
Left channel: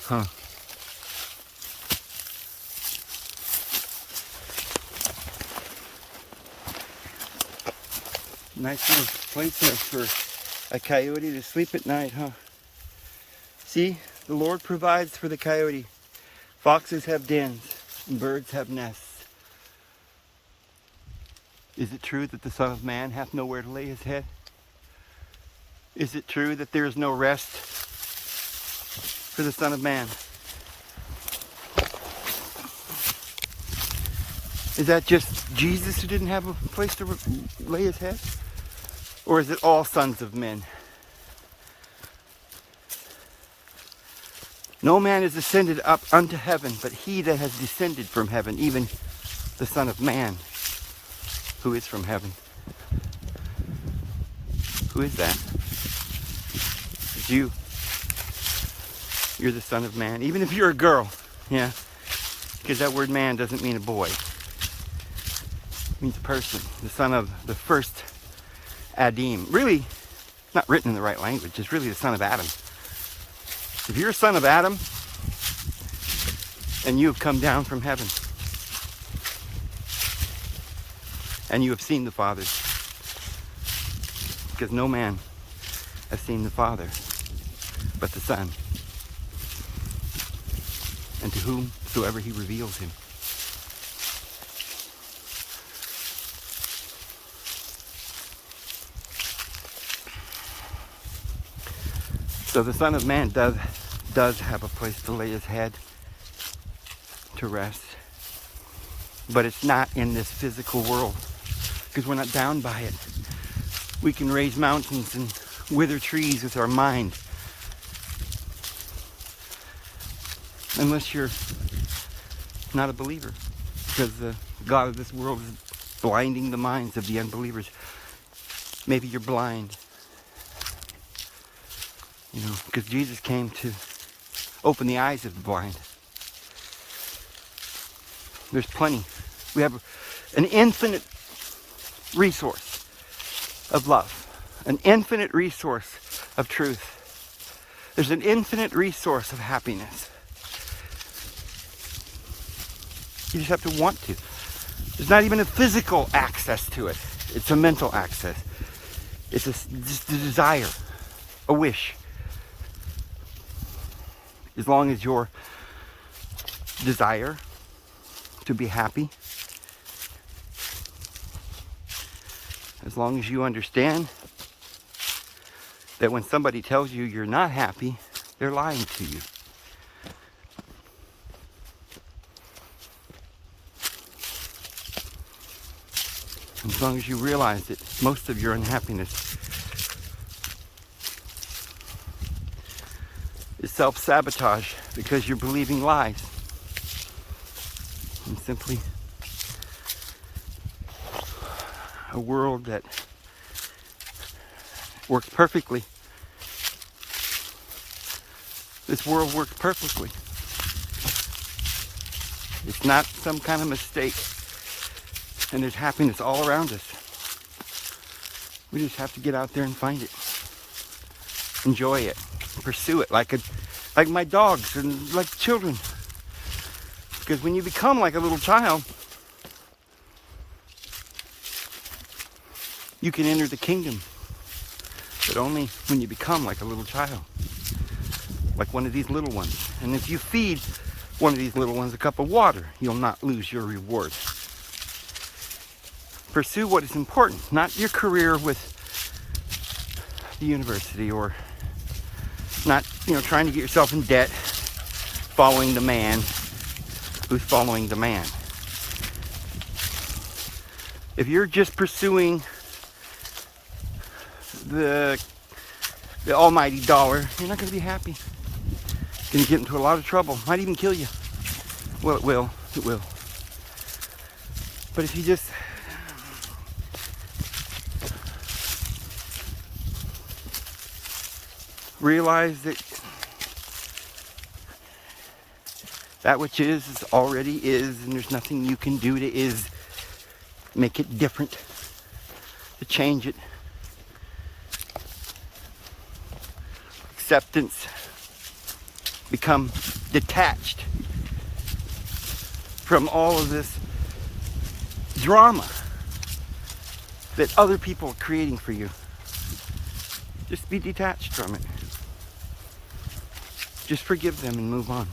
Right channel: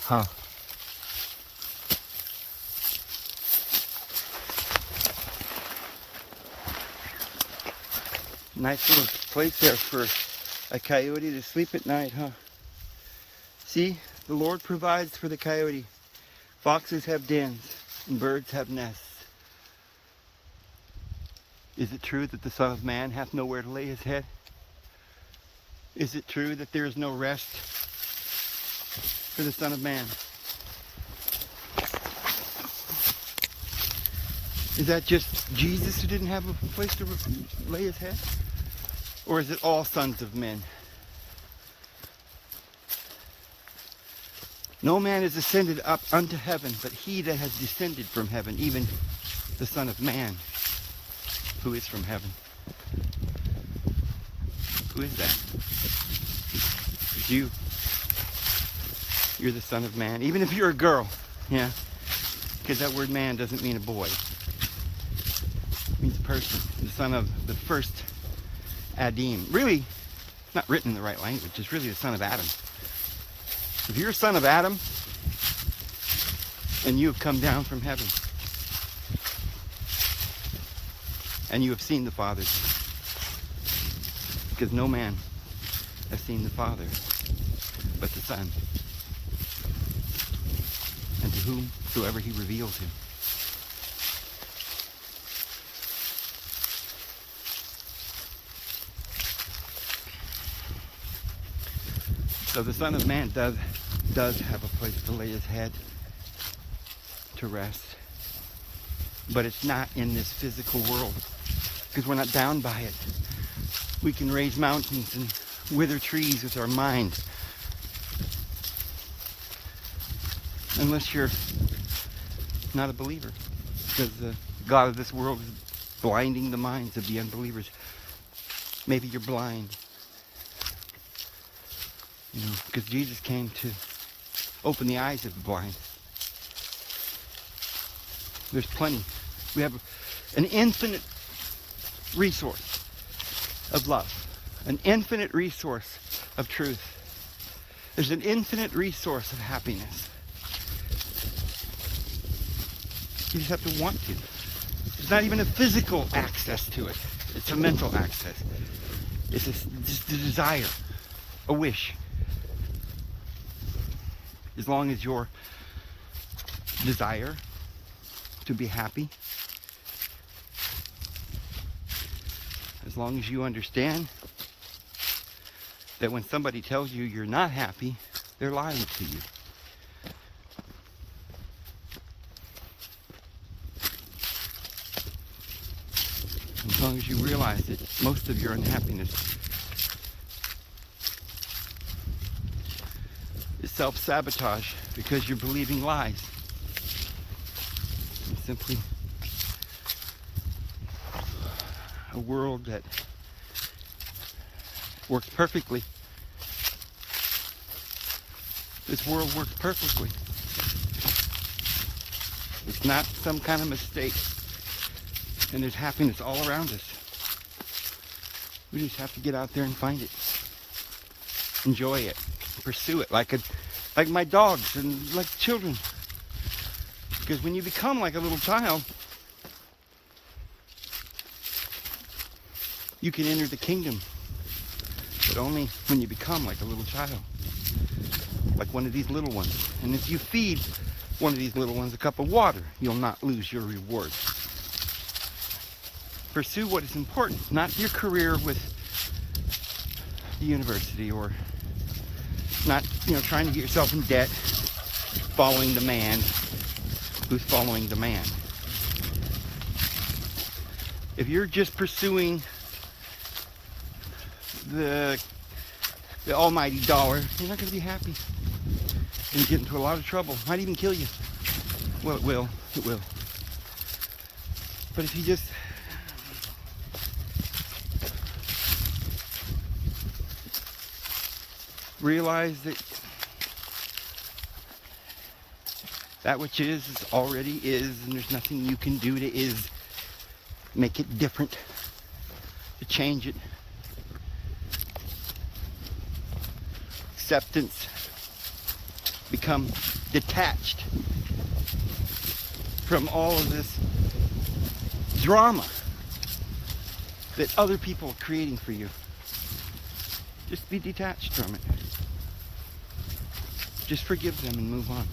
Huh. Nice little place there for a coyote to sleep at night, huh? See, the Lord provides for the coyote. Foxes have dens and birds have nests. Is it true that the Son of Man hath nowhere to lay his head? Is it true that there is no rest for the Son of Man? Is that just Jesus who didn't have a place to lay his head? Or is it all sons of men? No man is ascended up unto heaven, but he that has descended from heaven, even the Son of Man, who is from heaven. Who is that? It's you. You're the Son of Man. Even if you're a girl, yeah. Because that word man doesn't mean a boy. It means a person. The son of the first Adam. Really, it's not written in the right language. It's really the son of Adam. If you're a son of Adam, and you have come down from heaven, and you have seen the Father, because no man has seen the Father but the Son, and to whomsoever he reveals him. So the Son of Man does have a place to lay his head, to rest. But it's not in this physical world, because we're not bound by it. We can raise mountains and wither trees with our mind. Unless you're not a believer, because the God of this world is blinding the minds of the unbelievers. Maybe you're blind, because Jesus came to open the eyes of the blind. There's plenty. We have an infinite resource of love, an infinite resource of truth. There's an infinite resource of happiness. You just have to want to. There's not even a physical access to it. It's a mental access. It's just a desire, a wish. As long as your desire to be happy, as long as you understand that when somebody tells you you're not happy, they're lying to you. As long as you realize that most of your unhappiness is self-sabotage because you're believing lies. And simply a world that works perfectly. This world works perfectly. It's not some kind of mistake. And there's happiness all around us. We just have to get out there and find it. Enjoy it. Pursue it like my dogs and like children. Because when you become like a little child, you can enter the kingdom. But only when you become like a little child. Like one of these little ones. And if you feed one of these little ones a cup of water, you'll not lose your reward. Pursue what is important, not your career with the university, or not, trying to get yourself in debt, following the man who's following the man. If you're just pursuing the almighty dollar, you're not going to be happy. You're going to get into a lot of trouble. Might even kill you. Well, it will. It will. But if you just realize that that which is already is, and there's nothing you can do to make it different, to change it. Acceptance. Become detached from all of this drama that other people are creating for you. Just be detached from it. Just forgive them and move on.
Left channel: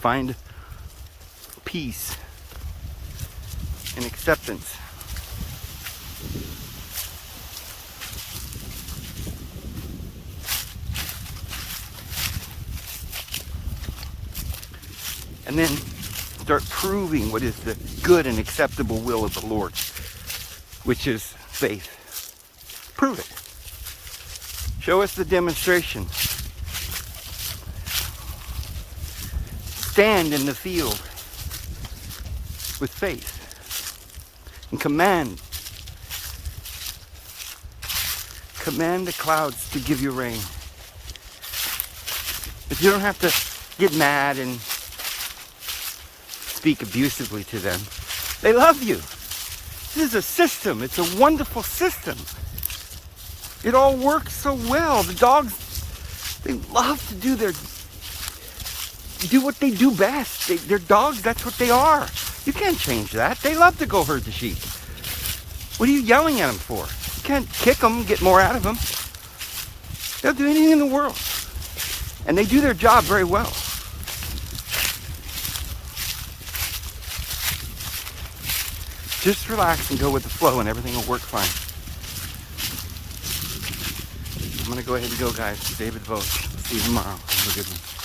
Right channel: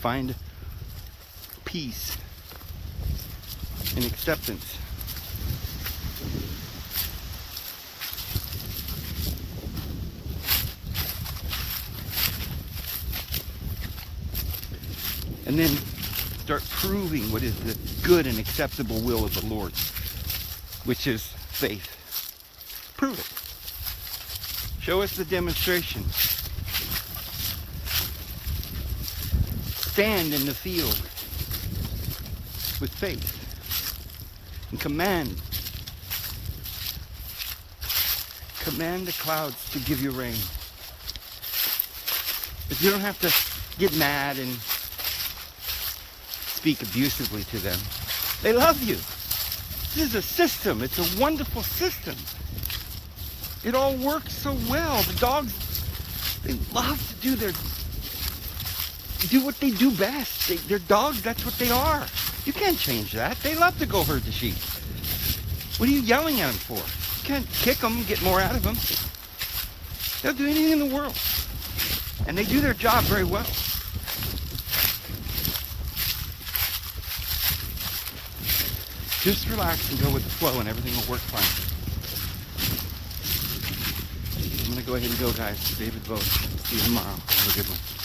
Find peace and acceptance. And then start proving what is the good and acceptable will of the Lord, which is faith. Prove it. Show us the demonstration. Stand in the field with faith and command the clouds to give you rain. If you don't have to get mad and speak abusively to them, they love you. This is a system. It's a wonderful system. It all works so well. The dogs, they love to do what they do best. They're dogs, that's what they are. You can't change that. They love to go herd the sheep. What are you yelling at them for? You can't kick them, get more out of them. They'll do anything in the world. And they do their job very well. Just relax and go with the flow and everything will work fine. I'm going to go ahead and go, guys. David Vogt. See you tomorrow. Have a good one.